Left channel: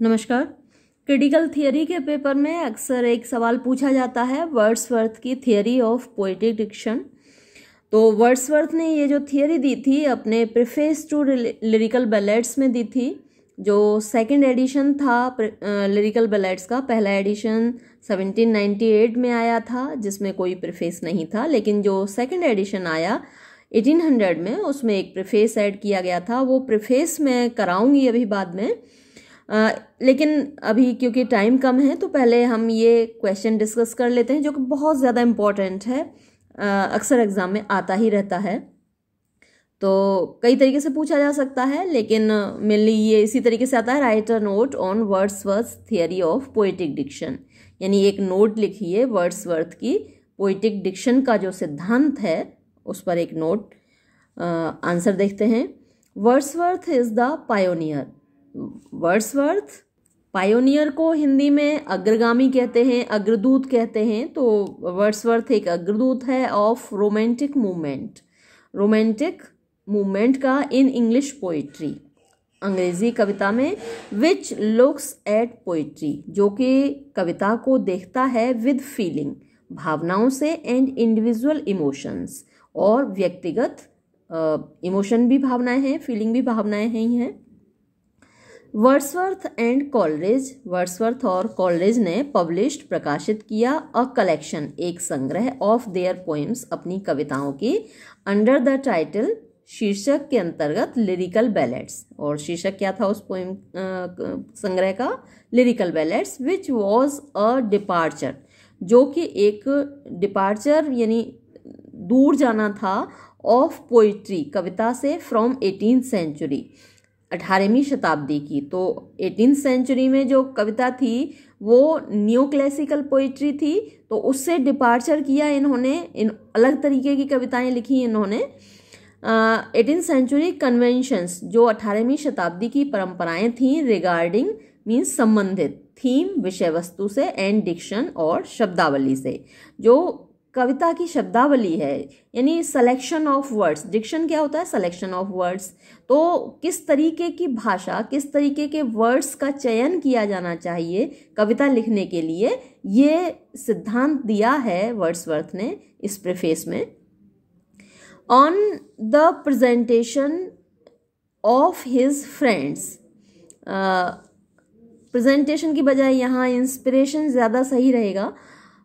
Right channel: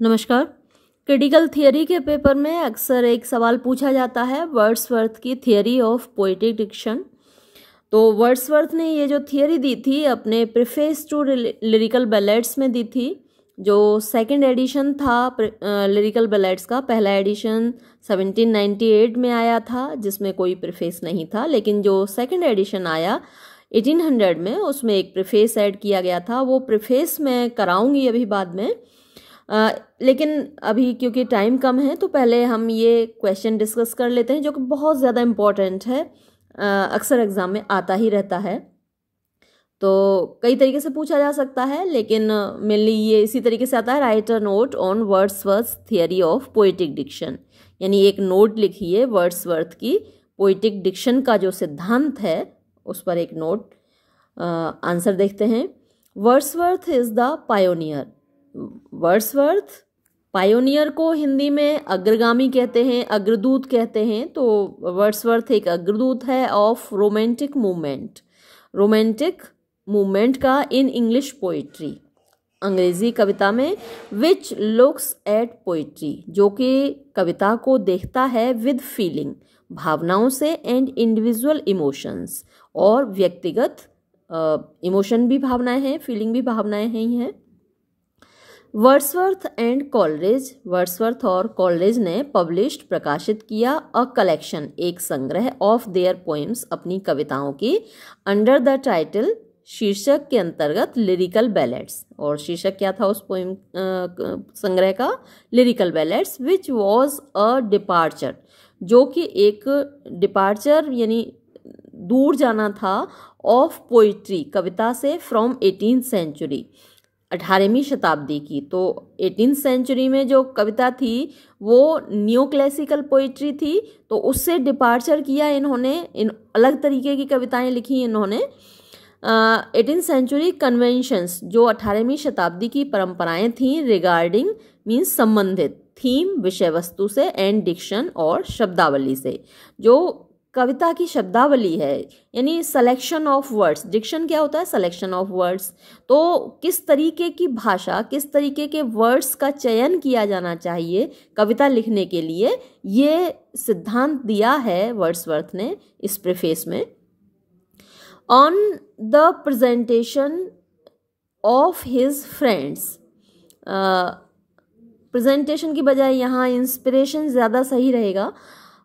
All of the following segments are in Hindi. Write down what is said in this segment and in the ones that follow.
नमस्कार। क्रिटिकल थियरी के पेपर में अक्सर एक सवाल पूछा जाता है वर्ड्सवर्थ की थियरी ऑफ पोएटिक डिक्शन। तो वर्ड्सवर्थ ने ये जो थियरी दी थी अपने प्रीफेस टू लिरिकल बैलेड्स में दी थी। जो सेकंड एडिशन था लिरिकल बैलेड्स का, पहला एडिशन 1798 में आया था जिसमें कोई प्रीफेस नहीं था, लेकिन जो सेकंड एडिशन आया 1800 में उसमें एक प्रीफेस ऐड किया गया था। वो प्रीफेस मैं कराऊंगी अभी बाद में, लेकिन अभी क्योंकि टाइम कम है तो पहले हम ये क्वेश्चन डिस्कस कर लेते हैं जो कि बहुत ज़्यादा इम्पॉर्टेंट है, अक्सर एग्जाम में आता ही रहता है। तो कई तरीके से पूछा जा सकता है, लेकिन मेनली ये इसी तरीके से आता है, write a note on Wordsworth theory of poetic diction, यानी एक नोट लिखिए वर्ड्सवर्थ की पोएटिक डिक्शन का जो सिद्धांत है उस पर एक नोट। आंसर देखते हैं। Wordsworth is the pioneer. Wordsworth pioneer को हिंदी में अग्रगामी कहते हैं, अग्रदूत कहते हैं। तो वर्ड्सवर्थ एक अग्रदूत है of romantic movement, romantic movement का इन इंग्लिश पोइट्री, अंग्रेजी कविता में, विच लुक्स एट पोइट्री, जो कि कविता को देखता है विद फीलिंग, भावनाओं से, एंड इंडिविजुअल इमोशंस, और व्यक्तिगत इमोशन भी भावनाएं हैं, फीलिंग भी भावनाएं ही हैं। वर्ड्सवर्थ एंड कॉलरिज, वर्ड्सवर्थ और कॉलरिज ने पब्लिश्ड प्रकाशित किया अ कलेक्शन, एक संग्रह, ऑफ देयर पोएम्स, अपनी कविताओं की, अंडर द टाइटल, शीर्षक के अंतर्गत, लिरिकल बैलेड्स, और शीर्षक क्या था उस पोएम संग्रह का, lyrical ballads, which was a departure, जो कि एक डिपार्चर यानी दूर जाना था, ऑफ पोइट्री, कविता से, फ्रॉम 18th सेंचुरी, 18वीं शताब्दी की। तो 18th सेंचुरी में जो कविता थी वो न्यू क्लासिकल पोइट्री थी, तो उससे डिपार्चर किया इन्होंने, इन अलग तरीके की कविताएं लिखी इन्होंने। 18th सेंचुरी कन्वेंशंस, जो 18वीं शताब्दी की परंपराएं थीं, रिगार्डिंग मीन्स संबंधित, थीम विषय वस्तु से, एंड डिक्शन और शब्दावली से, जो कविता की शब्दावली है, यानी सिलेक्शन ऑफ वर्ड्स। डिक्शन क्या होता है? Selection of words. तो किस तरीके की भाषा, किस तरीके के वर्ड्स का चयन किया जाना चाहिए कविता लिखने के लिए, ये सिद्धांत दिया है वर्ड्सवर्थ ने इस प्रीफेस में। On the presentation of his friends, presentation की बजाय यहाँ इंस्पिरेशन ज़्यादा सही रहेगा,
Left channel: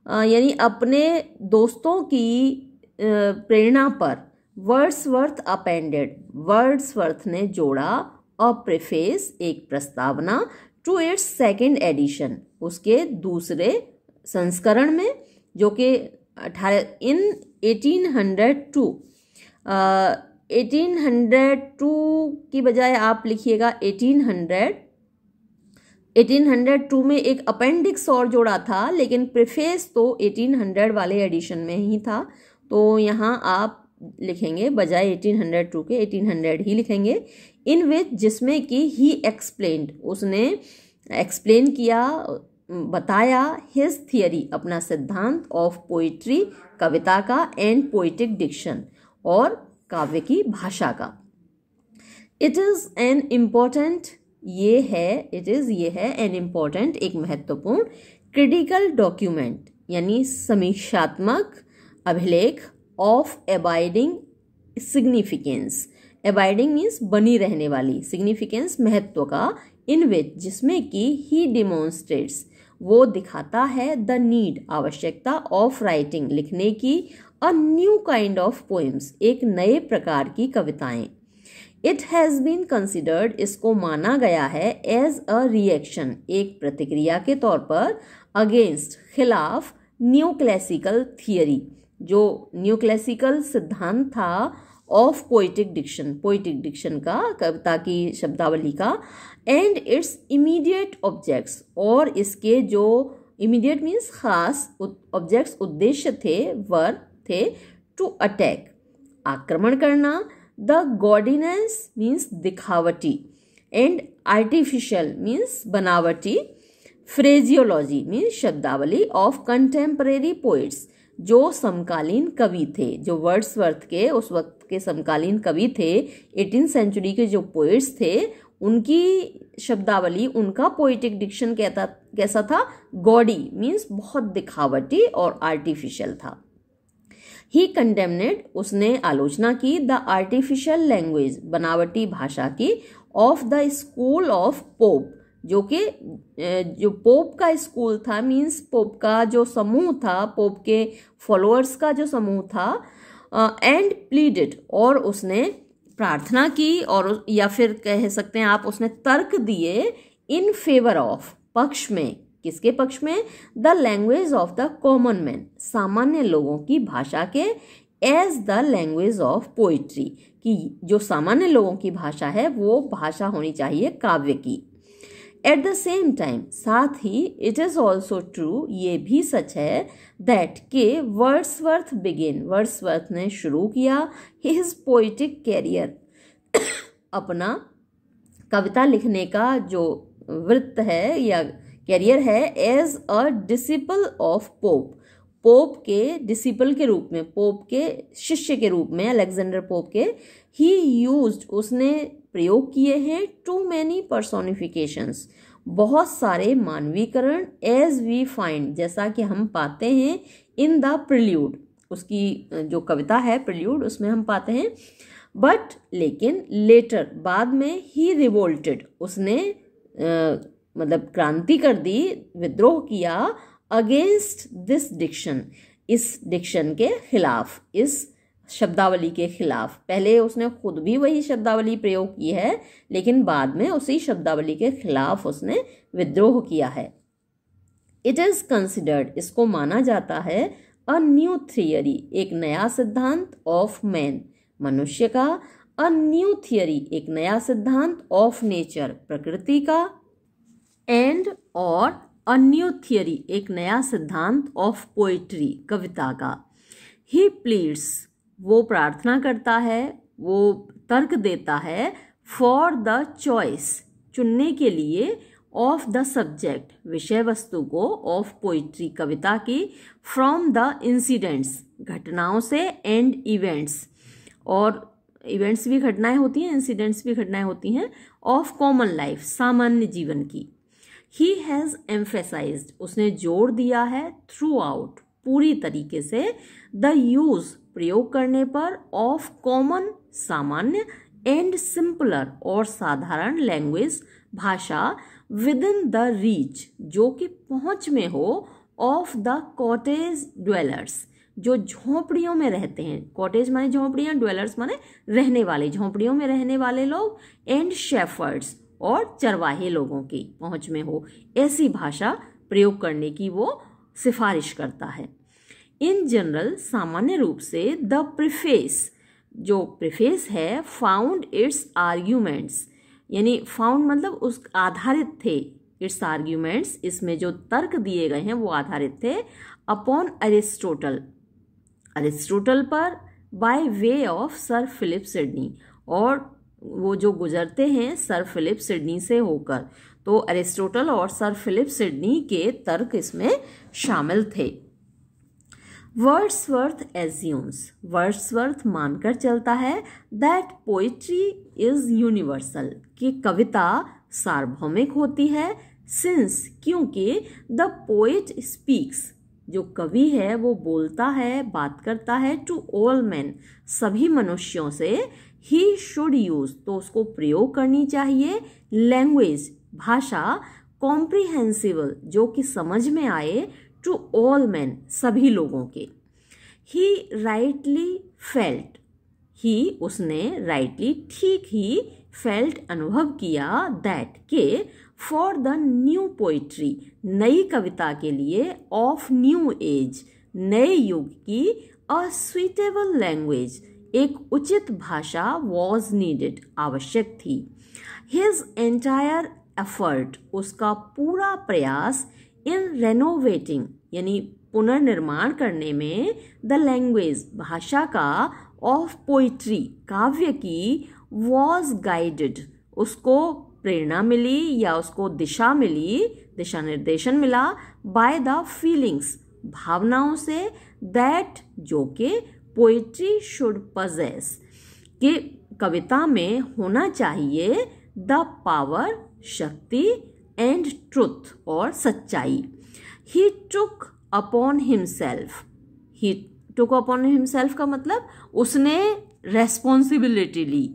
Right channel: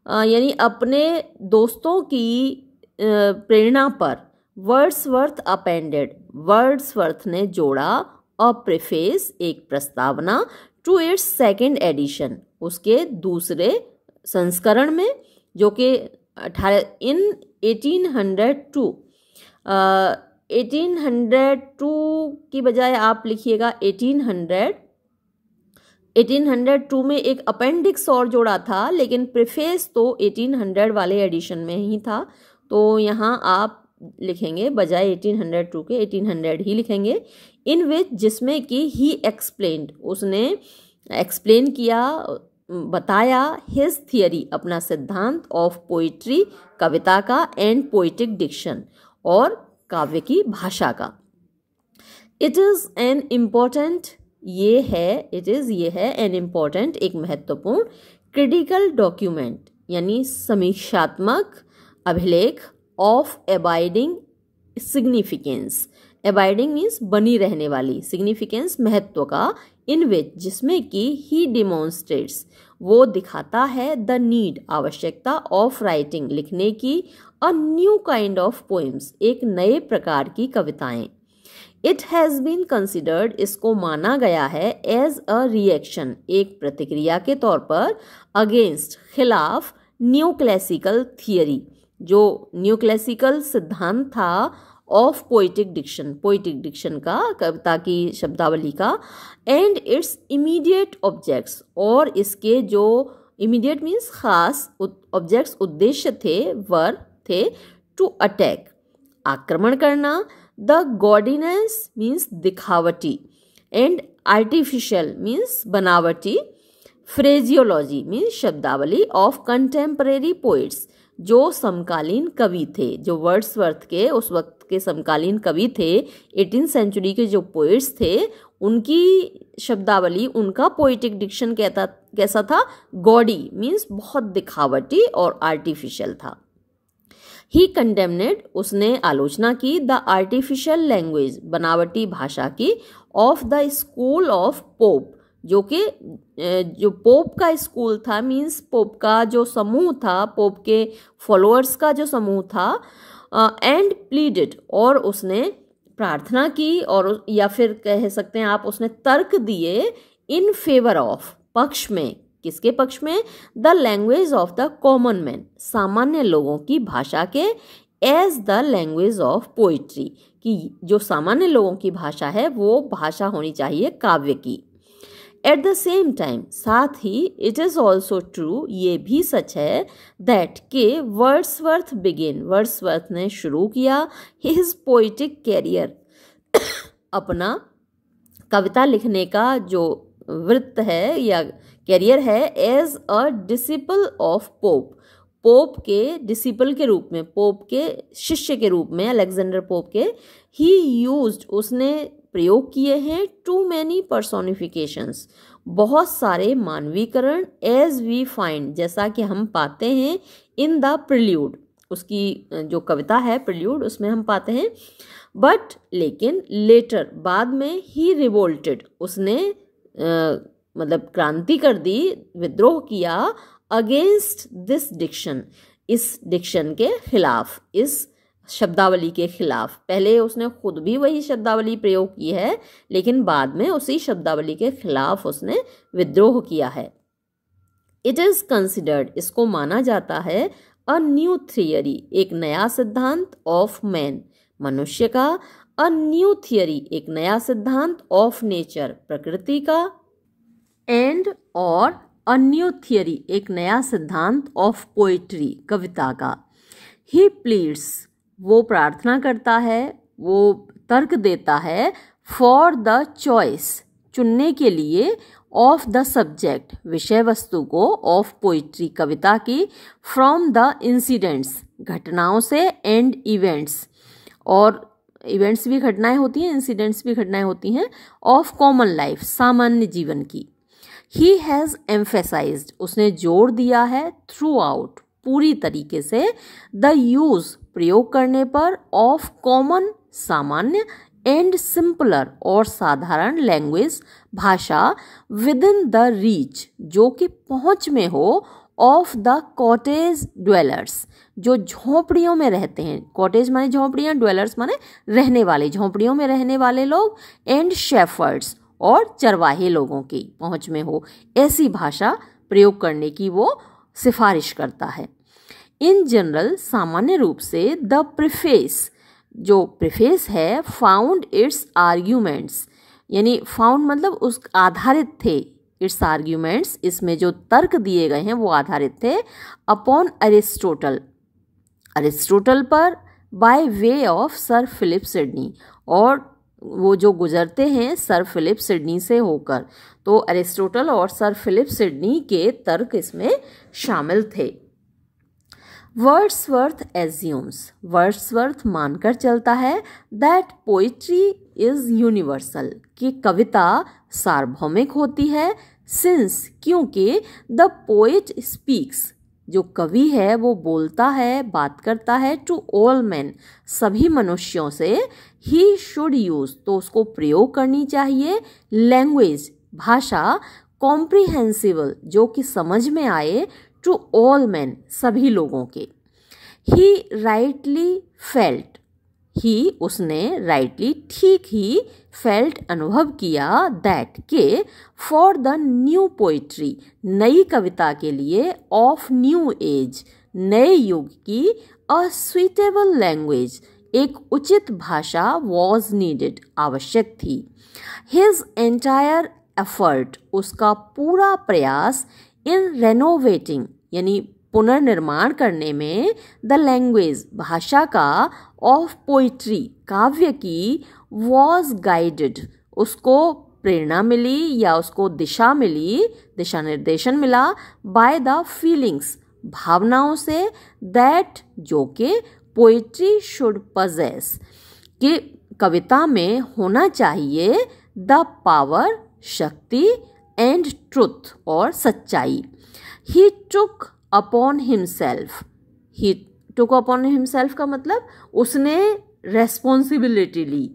यानी अपने दोस्तों की प्रेरणा पर, वर्ड्सवर्थ अपेंडेड, वर्ड्सवर्थ ने जोड़ा, अ प्रीफेस, एक प्रस्तावना, टू इट्स सेकंड एडिशन, उसके दूसरे संस्करण में, जो कि 1802 की बजाय आप लिखिएगा 1802 में एक अपेंडिक्स और जोड़ा था, लेकिन प्रीफेस तो 1800 वाले एडिशन में ही था। तो यहाँ आप लिखेंगे बजाय 1802 के 1800 ही लिखेंगे। इन विच, जिसमें कि ही एक्सप्लेन्ड, उसने एक्सप्लेन किया, बताया, हिज थियरी, अपना सिद्धांत, ऑफ पोइट्री, कविता का, एंड पोइटिक डिक्शन, और काव्य की भाषा का। इट इज एन इम्पोर्टेंट, ये है एन इम्पोर्टेंट, एक महत्वपूर्ण, क्रिटिकल डॉक्यूमेंट, यानी समीक्षात्मक अभिलेख, of abiding significance, abiding means बनी रहने वाली, सिग्निफिकेंस महत्व का, इन विच, जिसमें कि ही डिमॉन्स्ट्रेट्स, वो दिखाता है, द नीड, आवश्यकता, ऑफ राइटिंग, लिखने की, a new kind of poems, एक नए प्रकार की कविताएं। इट हैज़ बीन कंसिडर्ड, इसको माना गया है, एज अ रिएक्शन, एक प्रतिक्रिया के तौर पर, अगेंस्ट, खिलाफ, न्यू क्लासिकल थियरी, जो न्यू क्लासिकल सिद्धांत था, of poetic diction, poetic diction का, कविता की शब्दावली का, एंड इट्स इमीडिएट ऑब्जेक्ट्स, और इसके जो इमीडिएट मीन्स खास ऑब्जेक्ट्स, उद्देश्य थे, टू अटैक, आक्रमण करना, द गॉडीनेस मीन्स दिखावटी, एंड आर्टिफिशियल मीन्स बनावटी, फ्रेजियोलॉजी मीन्स शब्दावली, ऑफ कंटेम्परेरी पोइट्स, जो समकालीन कवि थे, जो वर्ड्सवर्थ के उस वक्त के समकालीन कवि थे, 18th सेंचुरी के जो पोइट्स थे, उनकी शब्दावली, उनका पोइटिक डिक्शन कैसा था? गॉडी मीन्स बहुत दिखावटी और आर्टिफिशियल था। ही कंडेम्नेड, उसने आलोचना की, द आर्टिफिशियल लैंग्वेज, बनावटी भाषा की, of the school of pope, जो पोप का स्कूल था, मीन्स पोप का जो समूह था, पोप के फॉलोअर्स का जो समूह था, एंड प्लीडेड, और उसने प्रार्थना की, और या फिर कह सकते हैं आप उसने तर्क दिए, इन फेवर ऑफ, पक्ष में, किसके पक्ष में? The language of the common man, सामान्य लोगों की भाषा के, as the language of poetry, कि जो सामान्य लोगों की भाषा है वो भाषा होनी चाहिए काव्य की। एट द सेम टाइम, साथ ही, इट इज ऑल्सो ट्रू, ये भी सच है, दैट के वर्ड्सवर्थ बिगिन, वर्ड्सवर्थ ने शुरू किया हिज पोइटिक कैरियर, अपना कविता लिखने का जो वृत्त है या कैरियर है, as a disciple of Pope, Pope के डिसिपल के रूप में, पोप के शिष्य के रूप में, अलेक्जेंडर पोप के। ही यूज्ड, उसने प्रयोग किए हैं, टू मैनी पर्सोनिफिकेशंस, बहुत सारे मानवीकरण, एज वी फाइंड, जैसा कि हम पाते हैं, इन द प्रिल्यूड, उसकी जो कविता है प्रिल्यूड, उसमें हम पाते हैं। बट लेकिन लेटर, बाद में, ही रिवोल्टेड, उसने मतलब क्रांति कर दी, विद्रोह किया, अगेंस्ट दिस डिक्शन, इस डिक्शन के खिलाफ, इस शब्दावली के खिलाफ। पहले उसने खुद भी वही शब्दावली प्रयोग की है, लेकिन बाद में उसी शब्दावली के खिलाफ उसने विद्रोह किया है। इट इज कंसिडर्ड, इसको माना जाता है, अ न्यू थियरी, एक नया सिद्धांत, ऑफ मैन, मनुष्य का, अ न्यू थियरी, एक नया सिद्धांत, ऑफ नेचर, प्रकृति का, एंड और अ न्यू थियरी, एक नया सिद्धांत, ऑफ पोइट्री, कविता का। ही प्लीड्स, वो प्रार्थना करता है, वो तर्क देता है, फॉर द चॉइस, चुनने के लिए, ऑफ द सब्जेक्ट, विषय वस्तु को, ऑफ पोइट्री, कविता की, फ्रॉम द इंसिडेंट्स, घटनाओं से, एंड इवेंट्स, और इवेंट्स भी घटनाएं होती हैं, इंसिडेंट्स भी घटनाएं होती हैं, ऑफ कॉमन लाइफ, सामान्य जीवन की। ही हैज़ एम्फेसाइज्ड, उसने जोर दिया है, थ्रू आउट, पूरी तरीके से, द यूज, प्रयोग करने पर, ऑफ कॉमन, सामान्य, एंड सिंपलर, और साधारण, लैंग्वेज, भाषा, विद इन द रीच, जो कि पहुंच में हो, ऑफ द कॉटेज ड्वेलर्स, जो झोंपड़ियों में रहते हैं, कॉटेज माने झोंपड़ियां, ड्वेलर्स माने रहने वाले, झोंपड़ियों में रहने वाले लोग, एंड शेफर्ड्स, और चरवाहे लोगों की पहुंच में हो, ऐसी भाषा प्रयोग करने की वो सिफारिश करता है। इन जनरल, सामान्य रूप से, द प्रीफेस, जो प्रीफेस है, फाउंड इट्स आर्ग्यूमेंट्स, यानी फाउंड मतलब उस आधारित थे, इट्स आर्ग्यूमेंट्स, इसमें जो तर्क दिए गए हैं वो आधारित थे, अपॉन अरिस्टोटल, अरिस्टोटल पर, by way of Sir Philip Sidney, और वो जो गुजरते हैं सर फिलिप सिडनी से होकर, तो अरिस्टोटल और सर फिलिप सिडनी के तर्क इसमें शामिल थे। वर्ड्सवर्थ एज्यूम्स, वर्ड्सवर्थ मानकर चलता है, दैट पोइट्री इज यूनिवर्सल, कि कविता सार्वभौमिक होती है, सिंस, क्योंकि, द पोइट स्पीक्स, जो कवि है वो बोलता है, बात करता है, टू ऑल मैन, सभी मनुष्यों से, ही शुड यूज, तो उसको प्रयोग करनी चाहिए, लैंग्वेज, भाषा, कॉम्प्रिहेंसिबल, जो कि समझ में आए, टू ऑल मैन, सभी लोगों के। ही राइटली फेल्ट, ही, उसने, राइटली, ठीक ही, फेल्ट, अनुभव किया, दैट, के, फॉर द न्यू पोइट्री, नई कविता के लिए, ऑफ न्यू एज, नए युग की, अ सुइटेबल लैंग्वेज, एक उचित भाषा, वॉज नीडेड, आवश्यक थी। हिज एंटायर एफर्ट, उसका पूरा प्रयास, इन रेनोवेटिंग, यानी पुनर्निर्माण करने में, द लैंग्वेज, भाषा का, ऑफ पोइट्री, काव्य की, वॉज गाइडेड, उसको प्रेरणा मिली या उसको दिशा मिली, दिशा निर्देशन मिला, बाय द फीलिंग्स, भावनाओं से, दैट, जो कि, पोइट्री शुड पजेस, कि कविता में होना चाहिए, द पावर शक्ति एंड ट्रुथ और सच्चाई। ही टुक अपॉन हिमसेल्फ, ही टुक अपॉन हिमसेल्फ का मतलब उसने रेस्पॉन्सिबिलिटी ली।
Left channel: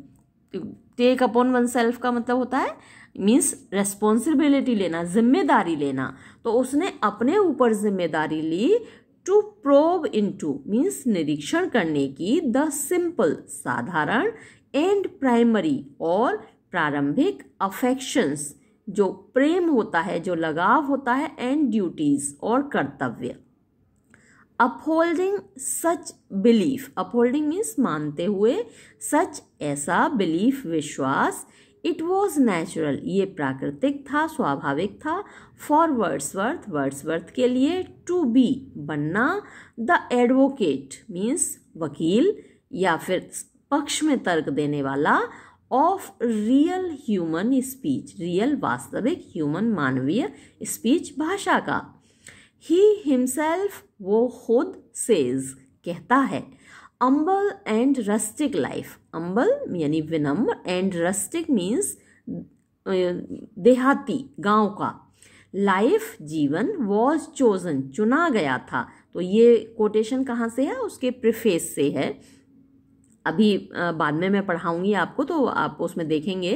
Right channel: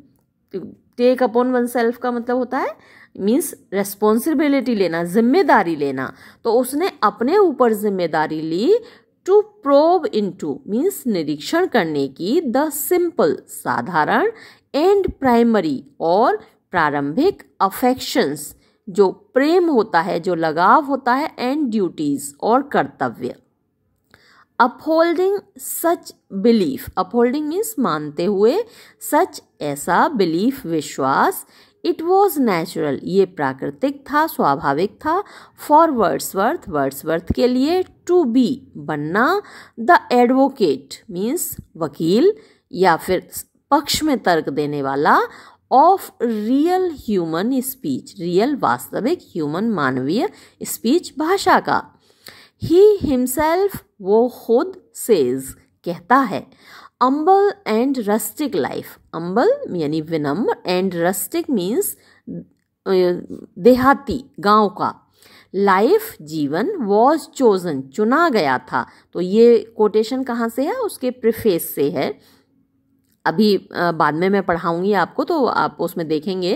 टेक अपॉन वन सेल्फ का मतलब होता है मीन्स रेस्पॉन्सिबिलिटी लेना, जिम्मेदारी लेना। तो उसने अपने ऊपर जिम्मेदारी ली टू प्रोब इनटू मीन्स निरीक्षण करने की, द सिंपल साधारण एंड प्राइमरी और प्रारंभिक अफेक्शंस जो प्रेम होता है, जो लगाव होता है, एंड ड्यूटीज और कर्तव्य। अपहोल्डिंग सच बिलीफ, अपहोल्डिंग मीन्स मानते हुए, सच ऐसा, बिलीफ विश्वास, इट वॉज नेचुरल ये प्राकृतिक था, स्वाभाविक था, फॉर वर्ड्सवर्थ वर्ड्सवर्थ के लिए, टू बी बनना, द एडवोकेट मीन्स वकील या फिर पक्ष में तर्क देने वाला, of real human speech real वास्तविक, ह्यूमन मानवीय, स्पीच भाषा का। ही हिमसेल्फ वो खुद, सेज कहता है, अम्बल एंड रस्टिक लाइफ, अम्बल यानी विनम्र, एंड रस्टिक मीन्स देहाती गांव का, लाइफ जीवन, वॉज चोजन चुना गया था। तो ये कोटेशन कहाँ से है, उसके प्रीफेस से है। अभी बाद में मैं पढ़ाऊंगी आपको तो आप उसमें देखेंगे।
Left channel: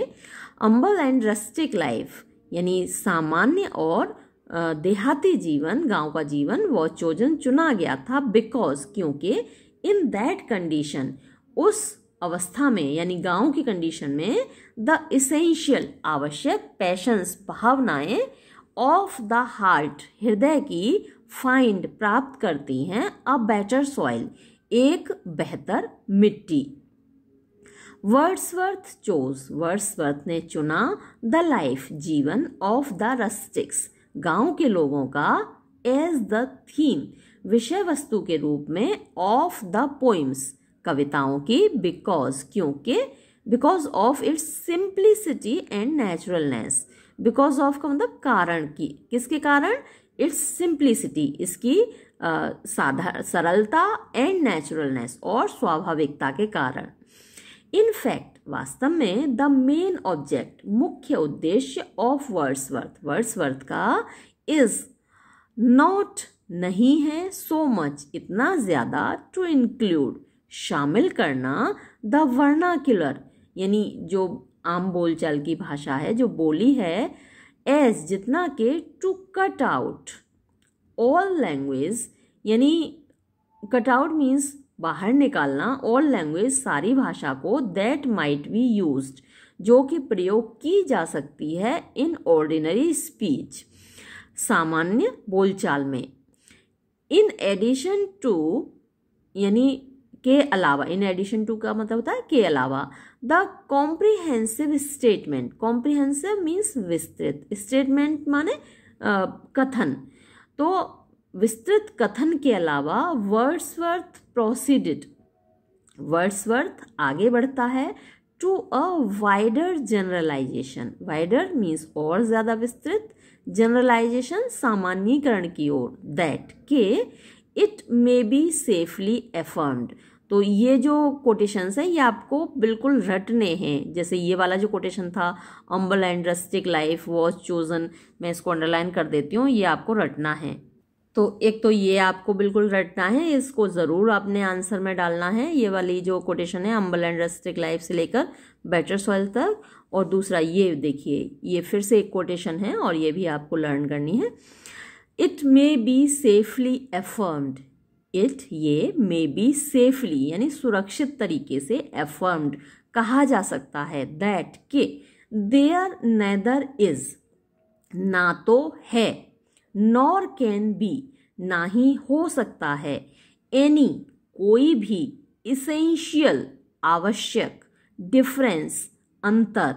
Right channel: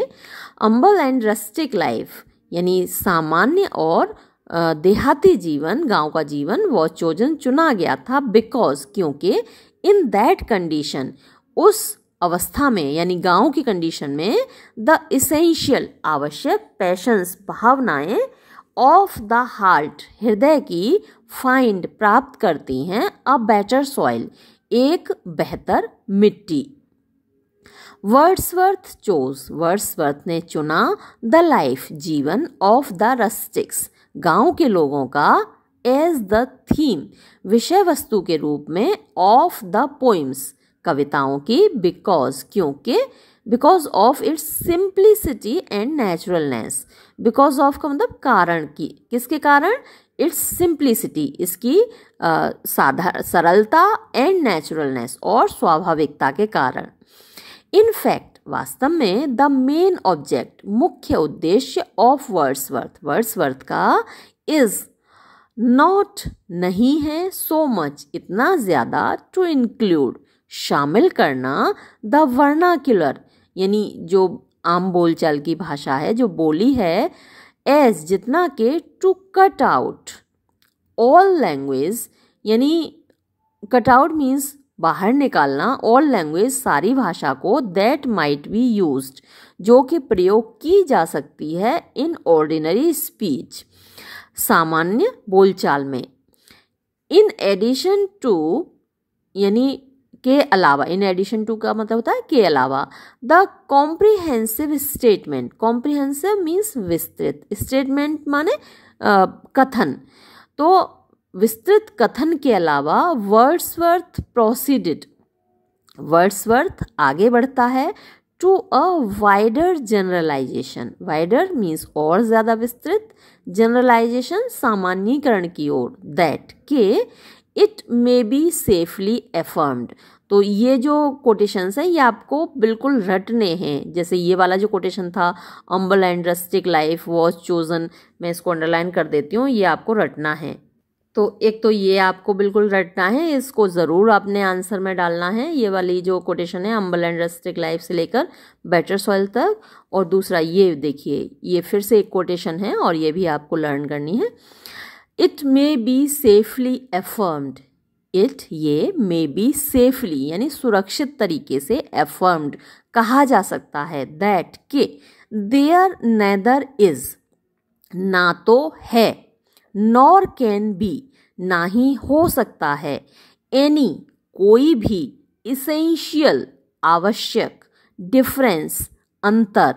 अम्बल एंड रस्टिक लाइफ यानी सामान्य और देहाती जीवन, गांव का जीवन, वो चोजन चुना गया था, बिकॉज क्योंकि, इन दैट कंडीशन उस अवस्था में यानी गांव की कंडीशन में, द इसेंशियल आवश्यक, पैशंस भावनाएं, ऑफ द हार्ट हृदय की, फाइंड प्राप्त करती हैं, अ बेटर सॉइल एक बेहतर मिट्टी। वर्ड्सवर्थ चोज वर्ड्सवर्थ ने चुना, द लाइफ जीवन, ऑफ द रस्टिक्स गांव के लोगों का, एज द थीम विषय वस्तु के रूप में, ऑफ द पोइम्स कविताओं की, बिकॉज क्योंकि, because of its simplicity and naturalness. Because of का मतलब कारण की, किसके कारण, इट्स सिंप्लिसिटी इसकी सरलता, एंड नेचुरलनेस और स्वाभाविकता के कारण। इन फैक्ट वास्तव में, द मेन ऑब्जेक्ट मुख्य उद्देश्य, ऑफ वर्ड्सवर्थ वर्ड्सवर्थ का, इज नॉट नहीं है, सो मच इतना ज्यादा, टू इंक्लूड शामिल करना, द वर्नाक्युलर यानी जो आम बोलचाल की भाषा है, जो बोली है, एज जितना के, to cut out all language यानी कट आउट मीन्स बाहर निकालना, ऑल लैंग्वेज सारी भाषा को, दैट माइट बी यूज्ड जो कि प्रयोग की जा सकती है, इन ऑर्डिनरी स्पीच सामान्य बोलचाल में, इन एडिशन टू यानी के अलावा, इन एडिशन टू का मतलब होता है के अलावा, the comprehensive statement, comprehensive means विस्तृत, स्टेटमेंट माने कथन, तो विस्तृत कथन के अलावा, वर्ड्सवर्थ प्रोसीडेड वर्ड्सवर्थ आगे बढ़ता है, to a wider generalisation, wider means और ज्यादा विस्तृत, जनरलाइजेशन सामान्यीकरण की ओर, दैट के, it may be safely affirmed. तो ये जो कोटेशंस हैं ये आपको बिल्कुल रटने हैं। जैसे ये वाला जो कोटेशन था, अम्बल and rustic life was chosen, मैं इसको अंडरलाइन कर देती हूँ, ये आपको रटना है। तो एक तो ये आपको बिल्कुल रटना है, इसको ज़रूर आपने आंसर में डालना है। ये वाली जो कोटेशन है अम्बल एंड रस्टिक लाइफ से लेकर बेटर सॉइल तक, और दूसरा ये देखिए, ये फिर से एक कोटेशन है और ये भी आपको लर्न करनी है। It may be safely affirmed, it ये मे बी सेफली यानी सुरक्षित तरीके से, एफर्म्ड कहा जा सकता है, दैट के, देयर नेदर इज ना तो है, नॉर कैन बी ना ही हो सकता है, एनी कोई भी, इसेंशियल आवश्यक, डिफरेंस अंतर,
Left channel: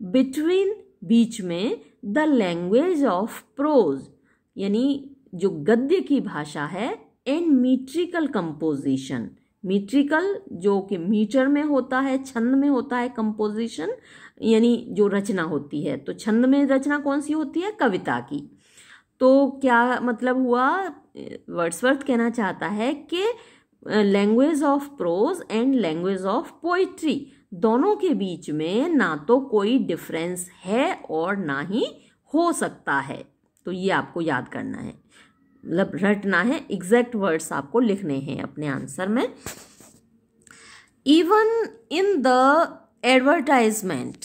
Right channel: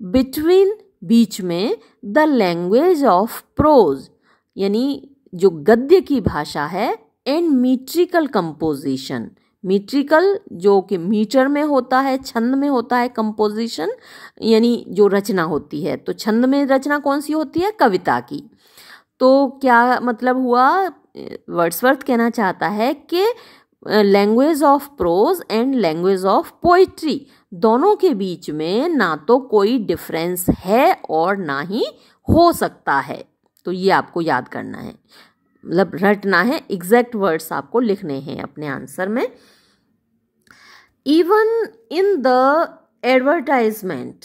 बिटवीन बीच में, द लैंग्वेज ऑफ प्रोज यानी जो गद्य की भाषा है, एंड मीट्रिकल कंपोजिशन, मीट्रिकल जो कि मीटर में होता है, छंद में होता है, कंपोजिशन यानी जो रचना होती है। तो छंद में रचना कौन सी होती है, कविता की। तो क्या मतलब हुआ, वर्ड्सवर्थ कहना चाहता है कि language of prose and language of poetry दोनों के बीच में ना तो कोई डिफरेंस है और ना ही हो सकता है। तो ये आपको याद करना है, मतलब रटना है, एग्जैक्ट वर्ड्स आपको लिखने हैं अपने आंसर में। Even in the advertisement,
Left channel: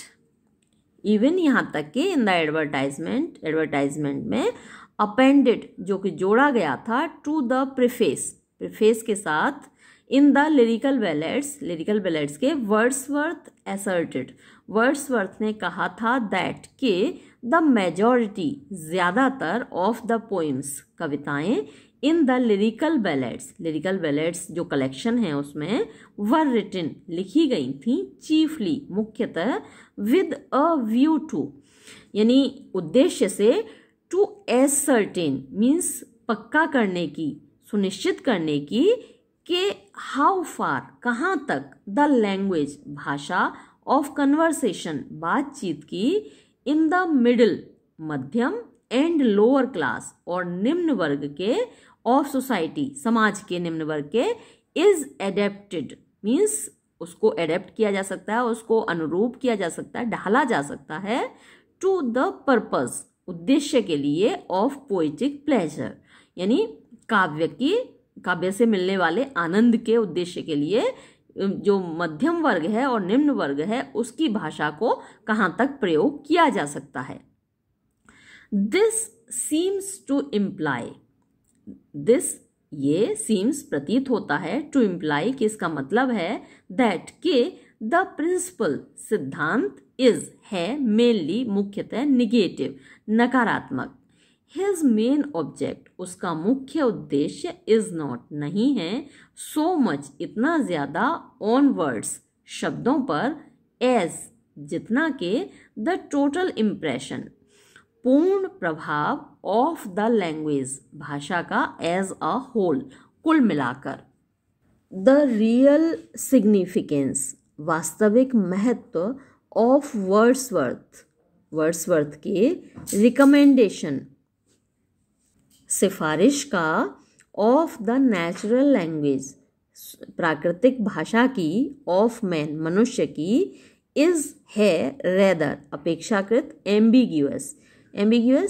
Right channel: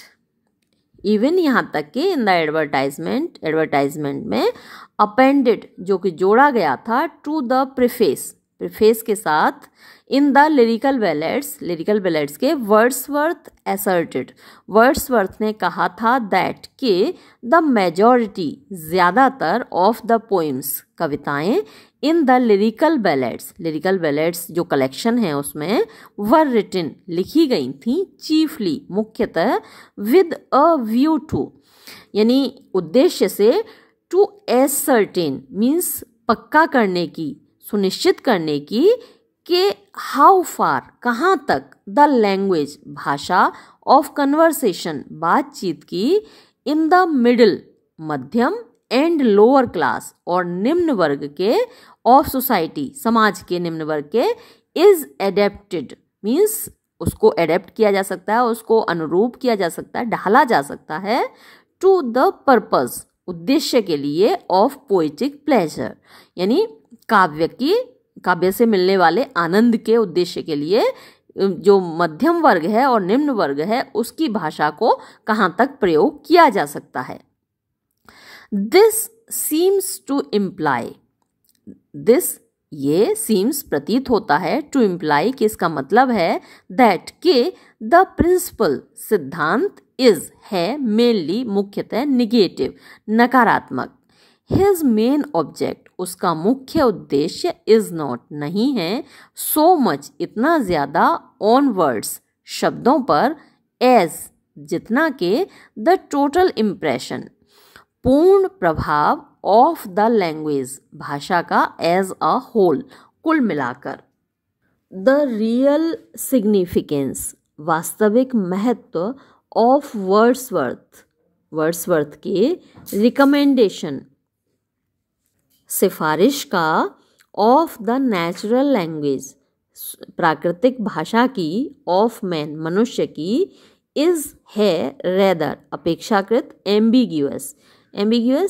even यहाँ तक कि इन द एडवर्टाइजमेंट में अपेंडेड जो कि जोड़ा गया था टू द प्रीफेस के साथ इन द लिरिकल बैलेड्स के वर्ड्सवर्थ असर्टेड, वर्ड्सवर्थ ने कहा था दैट के द मेजॉरिटी ज़्यादातर ऑफ द पोइम्स कविताएं इन द लिरिकल बैलेड्स जो कलेक्शन है उसमें वर रिटन लिखी गई थी चीफली मुख्यतः विद अ व्यू टू यानी उद्देश्य से, टू एसर्टेन मीन्स पक्का करने की, सुनिश्चित करने की कि हाउ फार कहाँ तक द लैंग्वेज भाषा ऑफ कन्वर्सेशन बातचीत की इन द मिडिल मध्यम एंड लोअर क्लास और निम्न वर्ग के ऑफ सोसाइटी समाज के निम्न वर्ग के इज एडेप्टेड मीन्स उसको एडेप्ट किया जा सकता है, उसको अनुरूप किया जा सकता है, ढाला जा सकता है टू द पर्पस उद्देश्य के लिए ऑफ पोएटिक प्लेजर यानी काव्य से मिलने वाले आनंद के उद्देश्य के लिए जो मध्यम वर्ग है और निम्न वर्ग है उसकी भाषा को कहाँ तक प्रयोग किया जा सकता है। This seems to imply, this ये सीम्स प्रतीत होता है, टू इम्प्लाई कि इसका मतलब है दैट के द प्रिंसिपल सिद्धांत इज है मेनली मुख्यतः निगेटिव नकारात्मक, हिज मेन ऑब्जेक्ट उसका मुख्य उद्देश्य इज नॉट नहीं है, सो मच इतना ज्यादा ऑन वर्ड्स शब्दों पर, एज जितना के द टोटल इम्प्रेशन पूर्ण प्रभाव ऑफ द लैंग्वेज भाषा का एज अ होल कुल मिलाकर। द रियल सिग्निफिकेंस वास्तविक महत्व ऑफ वर्ड्सवर्थ के रिकमेंडेशन सिफारिश का ऑफ द नेचुरल लैंग्वेज प्राकृतिक भाषा की ऑफ मैन मनुष्य की इज है रेदर अपेक्षाकृत एम्बिग्यूअस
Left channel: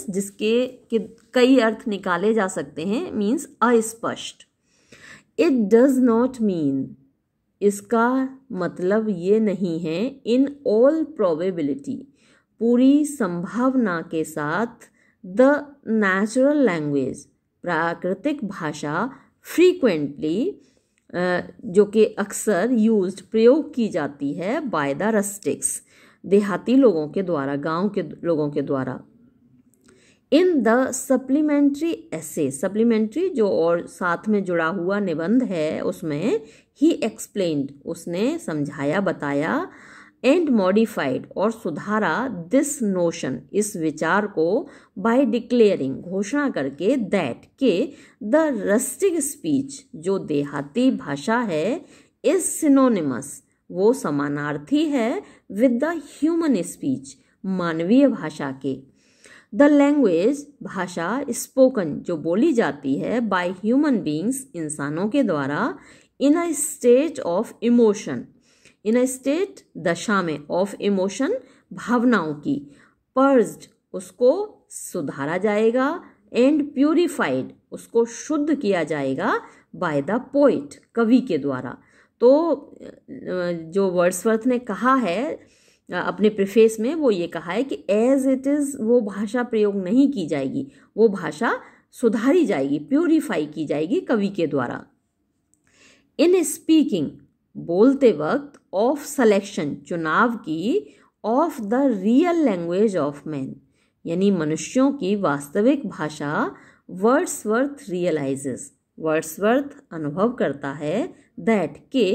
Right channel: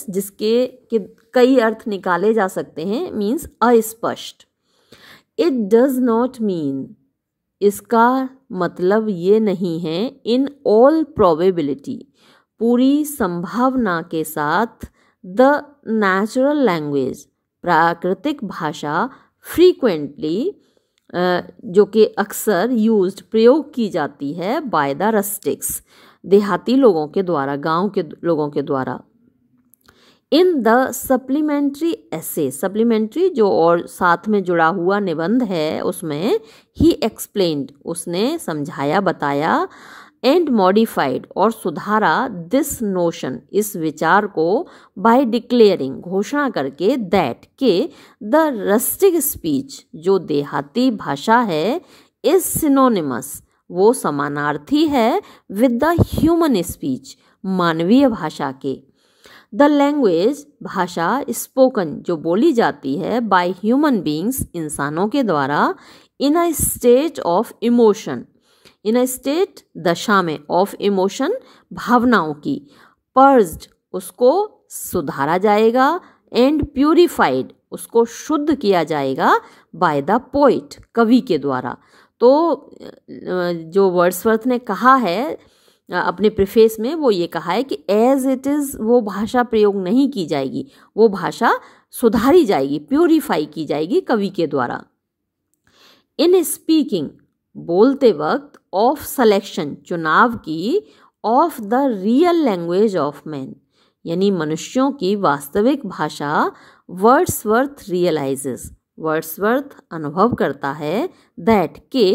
जिसके के कई अर्थ निकाले जा सकते हैं मीन्स अस्पष्ट। इट डज नॉट मीन इसका मतलब ये नहीं है इन ऑल प्रोबेबिलिटी पूरी संभावना के साथ द नेचुरल लैंग्वेज प्राकृतिक भाषा फ्रीक्वेंटली जो कि अक्सर यूज्ड प्रयोग की जाती है बाय द रस्टिक्स देहाती लोगों के द्वारा, गांव के लोगों के द्वारा। In the supplementary essay supplementary जो और साथ में जुड़ा हुआ निबंध है उसमें ही एक्सप्लेन्ड उसने समझाया बताया एंड मॉडिफाइड और सुधारा दिस नोशन इस विचार को बाय डिक्लेयरिंग घोषणा करके दैट के द रस्टिक स्पीच जो देहाती भाषा है इज सिनोनिमस वो समानार्थी है विद द ह्यूमन स्पीच मानवीय भाषा के। द लैंग्वेज भाषा स्पोकन जो बोली जाती है बाय ह्यूमन बींग्स इंसानों के द्वारा in a state of emotion in a state दशा में ऑफ इमोशन भावनाओं की पर्ज्ड उसको सुधारा जाएगा एंड प्यूरिफाइड उसको शुद्ध किया जाएगा बाय द पोइट कवि के द्वारा। तो जो वर्ड्सवर्थ ने कहा है अपने प्रीफेस में वो ये कहा है कि एज इट इज़ वो भाषा प्रयोग नहीं की जाएगी, वो भाषा सुधारी जाएगी, प्यूरिफाई की जाएगी कवि के द्वारा। इन स्पीकिंग बोलते वक्त ऑफ सिलेक्शन चुनाव की of the real language of man यानी मनुष्यों की वास्तविक भाषा वर्ड्सवर्थ रियलाइजेस वर्ड्सवर्थ अनुभव करता है दैट के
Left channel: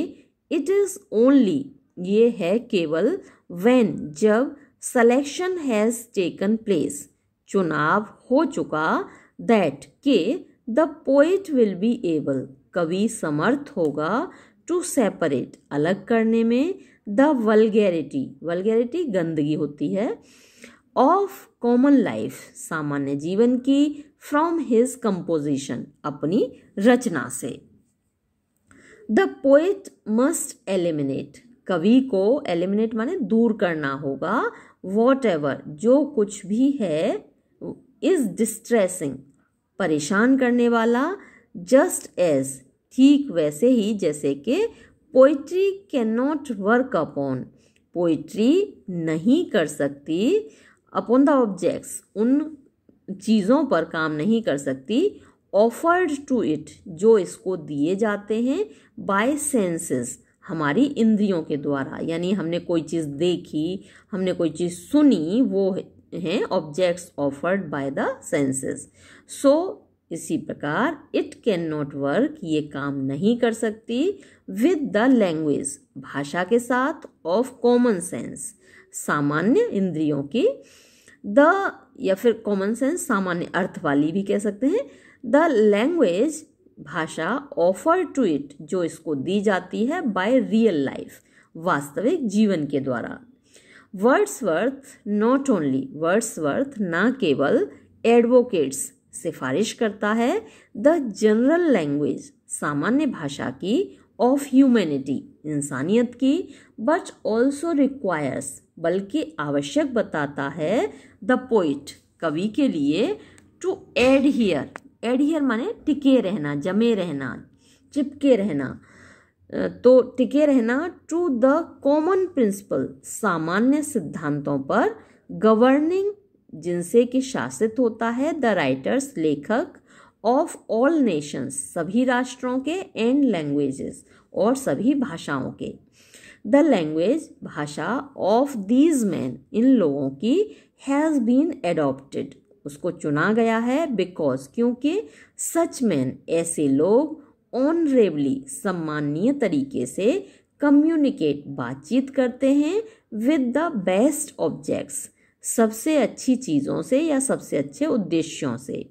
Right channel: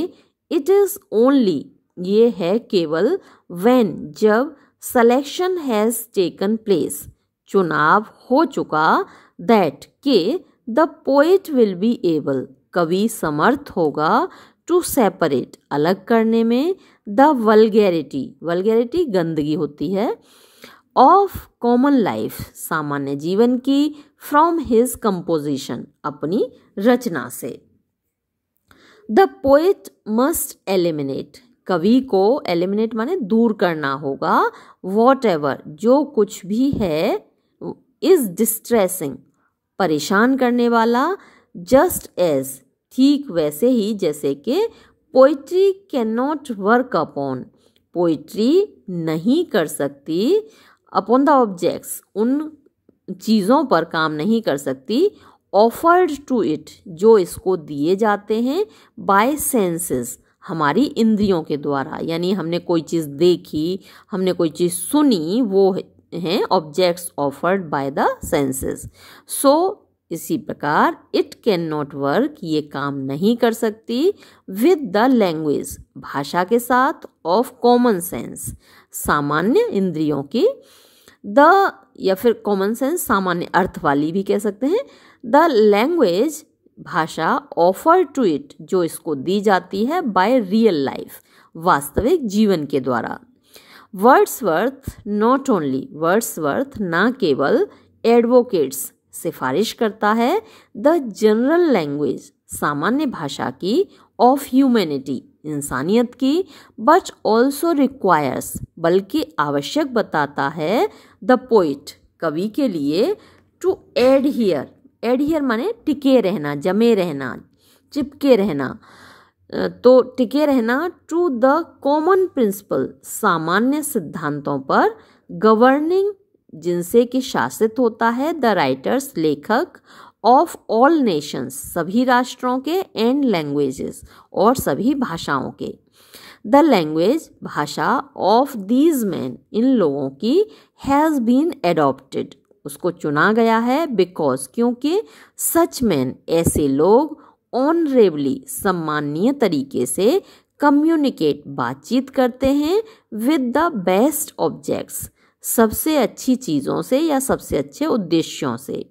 इट इज़ ओनली ये है केवल व्हेन जब सिलेक्शन हैज़ टेकन प्लेस चुनाव हो चुका दैट के the poet will be able कवि समर्थ होगा टू सेपरेट अलग करने में द वल्गैरिटी गंदगी होती है ऑफ कॉमन लाइफ सामान्य जीवन की फ्रॉम हिज कंपोजिशन अपनी रचना से। द पोएट मस्ट एलिमिनेट कवि को एलिमिनेट माने दूर करना होगा, वॉट एवर जो कुछ भी है, इज डिस्ट्रेसिंग परेशान करने वाला, जस्ट एज ठीक वैसे ही जैसे कि poetry can not work upon poetry नहीं कर सकती, अपॉन द ऑब्जेक्ट्स उन चीज़ों पर काम नहीं कर सकती, ऑफर्ड टू इट जो इसको दिए जाते हैं, बाय सेंसेस हमारी इंद्रियों के द्वारा, यानी हमने कोई चीज़ देखी, हमने कोई चीज़ सुनी, वो हैं objects offered by the senses. So इसी प्रकार इट कैन नॉट वर्क ये काम नहीं कर सकती, विद द लैंग्वेज भाषा के साथ, ऑफ कॉमन सेंस सामान्य इंद्रियों की, द या फिर कॉमन सेंस सामान्य अर्थ वाली भी कह सकते हैं, द लैंग्वेज भाषा ऑफर टू इट जो इसको दी जाती है, बाय रियल लाइफ वास्तविक जीवन के द्वारा। वर्ड्सवर्थ नॉट ओनली वर्ड्सवर्थ ना केवल एडवोकेट्स सिफारिश करता है, द जनरल लैंग्वेज सामान्य भाषा की, ऑफ ह्यूमैनिटी इंसानियत की, बट ऑल्सो रिक्वायर्स बल्कि आवश्यक बताता है, द पोइट कवि के लिए, टू एडहियर एडहियर माने टिके रहना, जमे रहना, चिपके रहना, तो टिके रहना, टू द कॉमन प्रिंसिपल सामान्य सिद्धांतों पर, गवर्निंग जिनसे कि शासित होता है, द राइटर्स लेखक, ऑफ ऑल नेशंस सभी राष्ट्रों के, एंड लैंग्वेजेस और सभी भाषाओं के, द लैंग्वेज भाषा, ऑफ दीज मैन इन लोगों की, हैज़ बीन एडॉप्टेड उसको चुना गया है, बिकॉज क्योंकि, सच मैन ऐसे लोग, ऑनरेबली सम्माननीय तरीके से, कम्युनिकेट बातचीत करते हैं, विद द बेस्ट ऑब्जेक्ट्स सबसे अच्छी चीज़ों से या सबसे अच्छे उद्देश्यों से।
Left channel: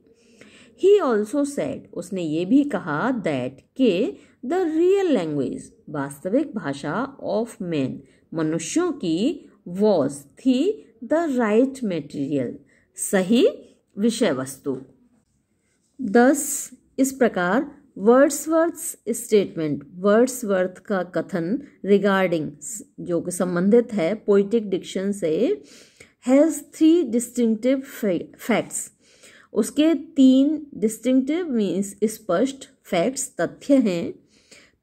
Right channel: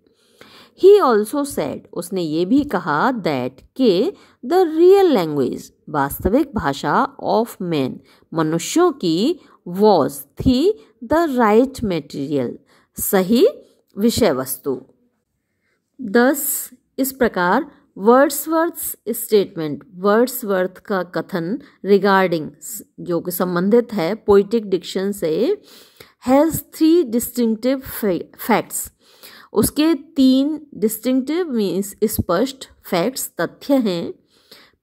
ही ऑल्सो सेड उसने ये भी कहा, दैट के द रियल लैंग्वेज वास्तविक भाषा, ऑफ मैन मनुष्यों की, वॉज थी, द राइट मटेरियल सही विषय वस्तु। 10 इस प्रकार वर्ड्सवर्थ स्टेटमेंट वर्ड्सवर्थ का कथन रिगार्डिंग जो कि संबंधित है पोइटिक डिक्शन से, हैज़ 3 डिस्टिंक्टिव फैक्ट्स उसके 3 डिस्टिंक्टिव मीन्स स्पष्ट फैक्ट्स तथ्य हैं।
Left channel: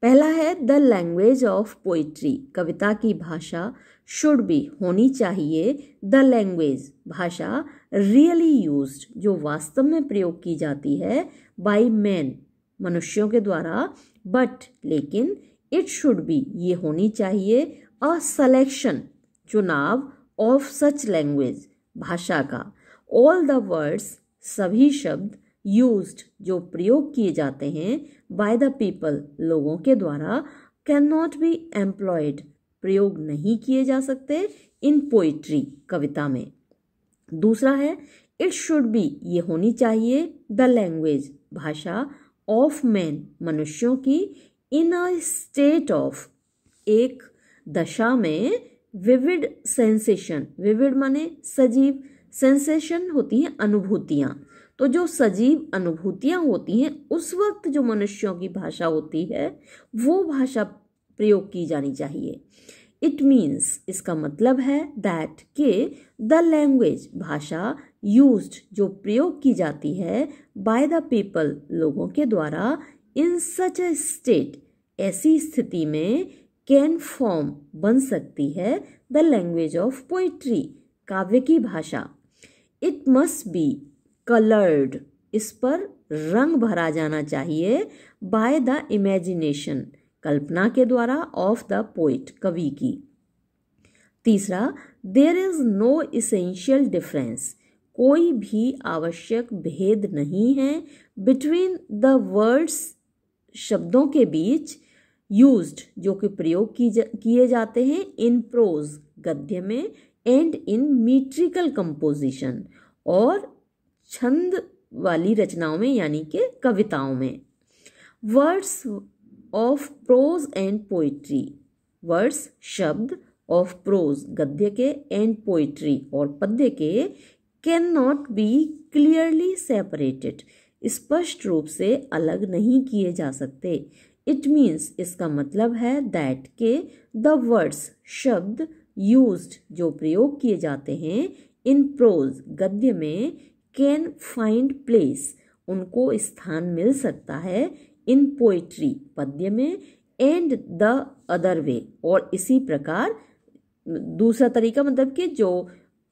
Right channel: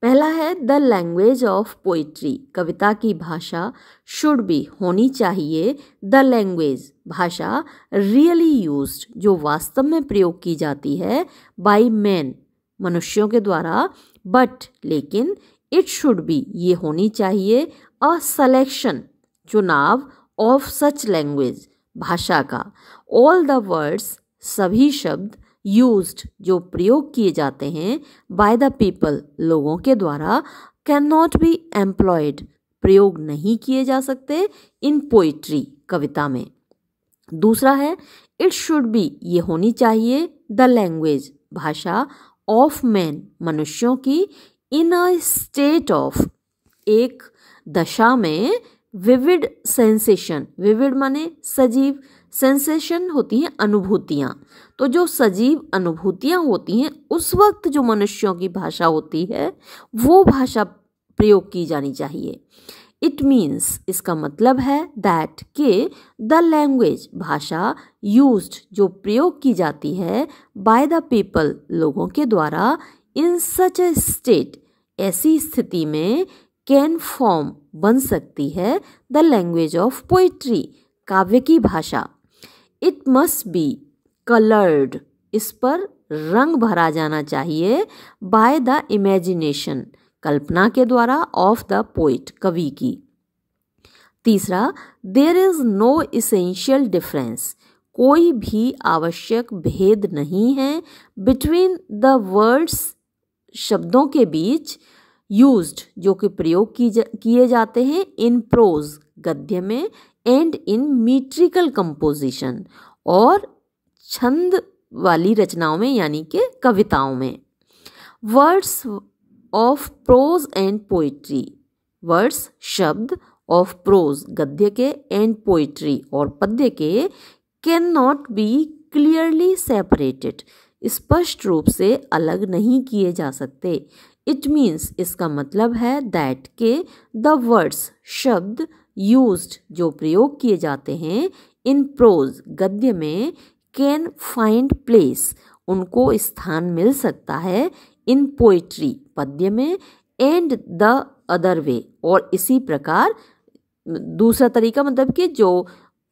पहला है द लैंग्वेज ऑफ पोइट्री कविता की भाषा शुड बी होनी चाहिए, द लैंग्वेज भाषा रियली यूज्ड जो वास्तव में प्रयोग की जाती है, बाय मैन मनुष्यों के द्वारा, बट लेकिन इट शुड बी ये होनी चाहिए, अ सलेक्शन चुनाव, ऑफ सच लैंग्वेज भाषा का, ऑल द वर्ड्स सभी शब्द, यूज्ड जो प्रयोग किए जाते हैं, बाय द पीपल लोगों के द्वारा, कैन नॉट बी एम्प्लॉयड प्रयोग नहीं किए जा सकते, इन पोइट्री कविता में। दूसरा है इट शुड बी ये होनी चाहिए, द लैंग्वेज भाषा, ऑफ मैन मनुष्यों की, इन अ स्टेट ऑफ एक दशा में, विविड सेंसेशन विविड माने सजीव, सेंसेशन होती है अनुभूतियाँ, तो जो सजीव अनुभूतियाँ होती हैं उस वक्त जो मनुष्यों की भाषा होती है वो भाषा प्रयोग की जानी चाहिए। इट मीन्स इसका मतलब है दैट के द लैंग्वेज भाषा यूज्ड जो प्रयोग की जाती है, बाय द पीपल लोगों के द्वारा, इन सच ए स्टेट ऐसी स्थिति में, कैन फॉर्म बन सकती है, द लैंग्वेज ऑफ पोइट्री काव्य की भाषा। इट मस्ट बी कलर्ड इस पर रंग भरा जाना चाहिए, बाय द इमेजिनेशन कल्पना के द्वारा, ऑफ द पोइट कवि की। तीसरा there is no essential difference कोई भी आवश्यक भेद नहीं है, बिटवीन द वर्ड्स शब्दों के बीच, यूज्ड जो कि प्रयोग किए जाते हैं, इन प्रोज गद्य में, एंड इन मीट्रिकल कंपोजिशन और छंद वाली रचनाओं में यानी कि कविताओं में। Words of prose and poetry words शब्द, ऑफ प्रोज गद्य के, एंड पोइट्री और पद्य के, can not be clearly separated स्पष्ट रूप से अलग नहीं किए जा सकते, इट मीन्स इसका मतलब है दैट के द वर्ड्स शब्द यूज्ड जो प्रयोग किए जाते हैं इन प्रोज गद्य में कैन फाइंड प्लेस उनको स्थान मिल सकता है इन पोइट्री पद्य में एंड द अदर वे और इसी प्रकार दूसरा तरीका मतलब कि जो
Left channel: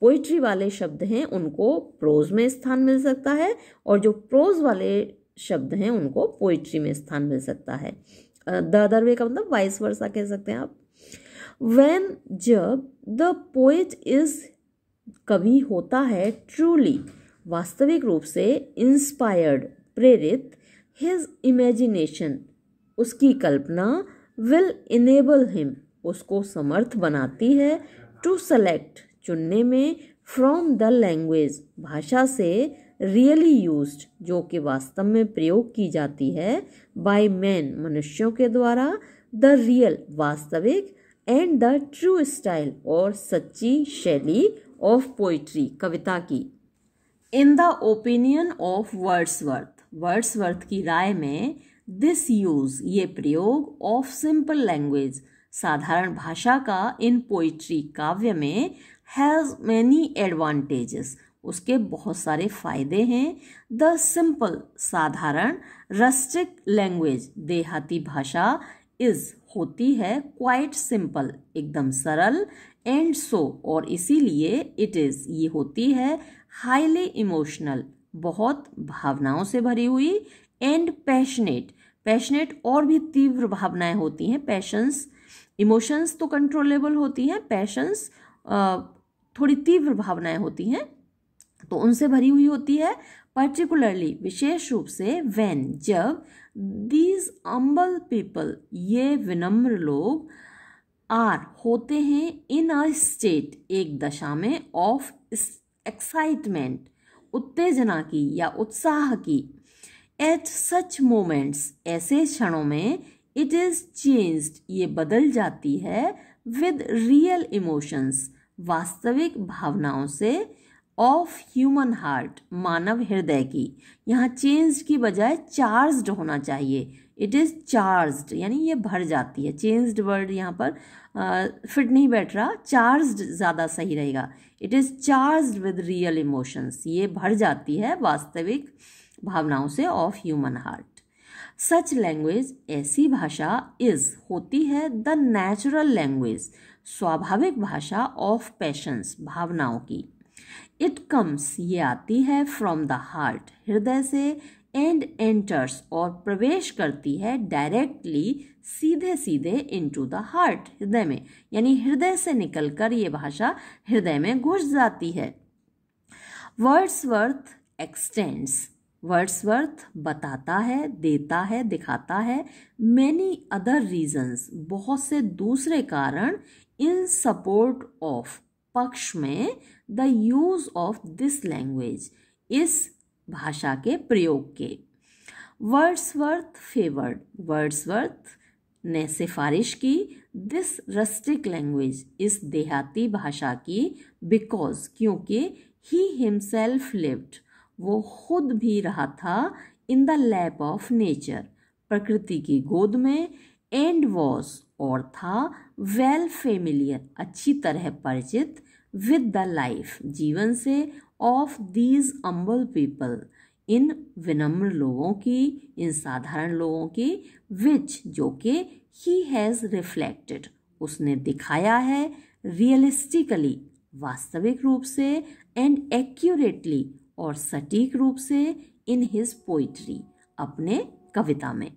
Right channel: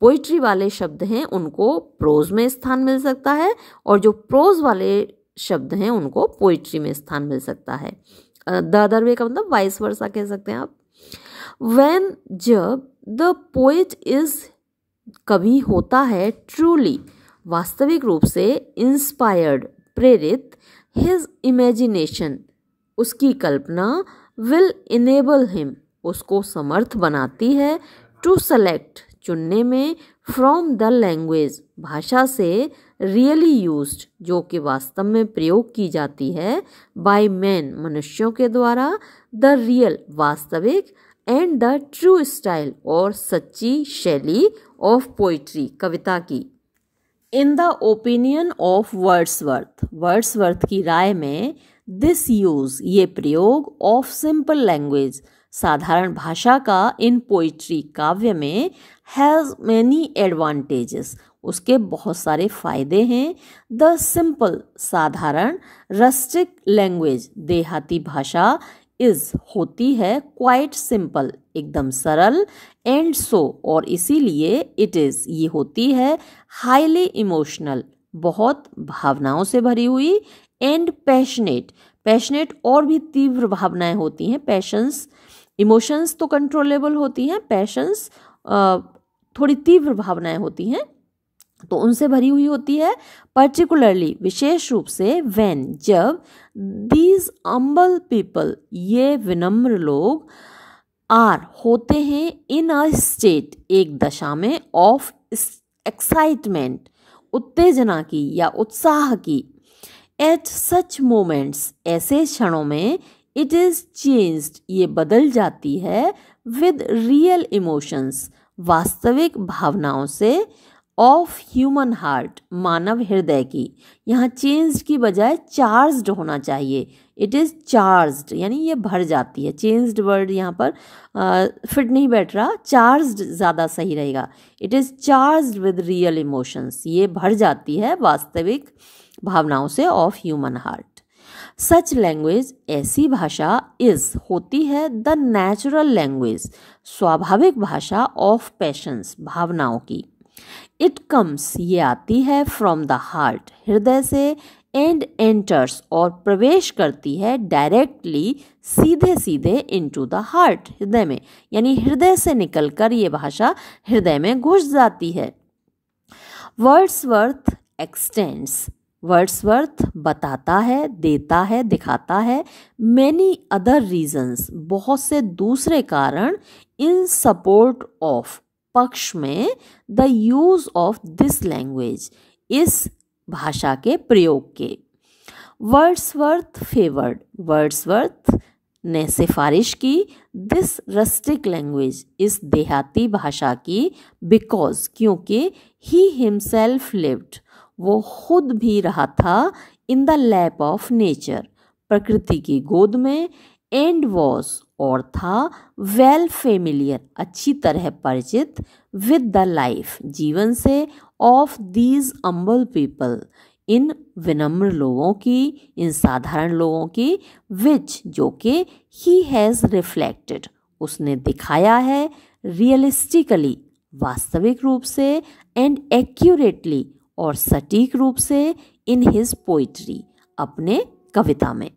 पोइट्री वाले शब्द हैं उनको प्रोज में स्थान मिल सकता है और जो प्रोज वाले शब्द हैं उनको पोइट्री में स्थान मिल सकता है। द अदर वे का मतलब वाइस वर्सा कह सकते हैं आप। व्हेन जब द पोएट इज कवि होता है ट्रूली वास्तविक रूप से इंस्पायर्ड प्रेरित हिज इमेजिनेशन उसकी कल्पना विल इनेबल हिम उसको समर्थ बनाती है टू सेलेक्ट चुनने में फ्रॉम द लैंग्वेज भाषा से रियली यूज्ड जो कि वास्तव में प्रयोग की जाती है बाय मैन मनुष्यों के द्वारा द रियल वास्तविक एंड द ट्रू स्टाइल और सच्ची शैली ऑफ पोइट्री कविता की। In the opinion of Wordsworth की राय में दिस यूज ये प्रयोग ऑफ सिंपल लैंग्वेज साधारण भाषा का इन पोइट्री काव्य में हैज़ मैनी एडवांटेजेस उसके बहुत सारे फायदे हैं। द सिंपल साधारण रस्टिक लैंग्वेज देहाती भाषा इज होती है क्वाइट सिंपल एकदम सरल एंड सो और इसीलिए इट इज ये होती है हाईली इमोशनल बहुत भावनाओं से भरी हुई एंड पैशनेट और भी तीव्र भावनाएं होती हैं। पैशंस इमोशंस तो कंट्रोलेबल होती हैं, पैशंस थोड़ी तीव्र भावनाएं होती हैं तो उनसे भरी हुई होती है। पर्टिकुलरली विशेष रूप से व्हेन जब दीज अम्बल पीपल ये विनम्र लोग आर होते हैं इन अ स्टेट एक दशा में ऑफ एक्साइटमेंट उत्तेजना की या उत्साह की। एट सच मोमेंट्स ऐसे क्षणों में इट इज चेंज्ड ये बदल जाती है विद रियल इमोशंस वास्तविक भावनाओं से ऑफ ह्यूमन हार्ट मानव हृदय की। यहाँ चेंज्ड की बजाय चार्ज्ड होना चाहिए। इट इज़ चार्ज्ड यानी ये भर जाती है। चेंज्ड वर्ड यहाँ पर फिट नहीं बैठ रहा, चार्ज्ड ज़्यादा सही रहेगा। It is charged with real emotions ये भर जाती है वास्तविक भावनाओं से of human heart. Such language ऐसी भाषा इज होती है द नेचुरल लैंग्वेज स्वाभाविक भाषा ऑफ पैशंस भावनाओं की। इट कम्स ये आती है फ्रॉम द हार्ट हृदय से एंड एंटर्स और प्रवेश करती है डायरेक्टली सीधे सीधे इनटू द हार्ट हृदय में यानी हृदय से निकलकर ये भाषा हृदय में घुस जाती है। वर्ड्सवर्थ एक्सटेंड्स वर्ड्सवर्थ बताता है देता है दिखाता है मैनी अदर रीजंस बहुत से दूसरे कारण इन सपोर्ट ऑफ पक्ष में the use of this language इस भाषा के प्रयोग के। वर्ड्सवर्थ फेवर्ड वर्ड्सवर्थ ने सिफारिश की दिस रस्टिक लैंग्वेज इस देहाती भाषा की बिकॉज क्योंकि ही हिमसेल्फ लिव्ड वो खुद भी रहा था in the lap of nature प्रकृति की गोद में एंड वॉज और था वेल फेमिलियर अच्छी तरह परिचित विद द लाइफ जीवन से ऑफ दीज अम्बल पीपल इन विनम्र लोगों की इन साधारण लोगों की विच जो कि ही हैज़ रिफ्लेक्टेड उसने दिखाया है रियलिस्टिकली वास्तविक रूप से एंड एक्यूरेटली और सटीक रूप से इन हिज पोइट्री अपने कविता में।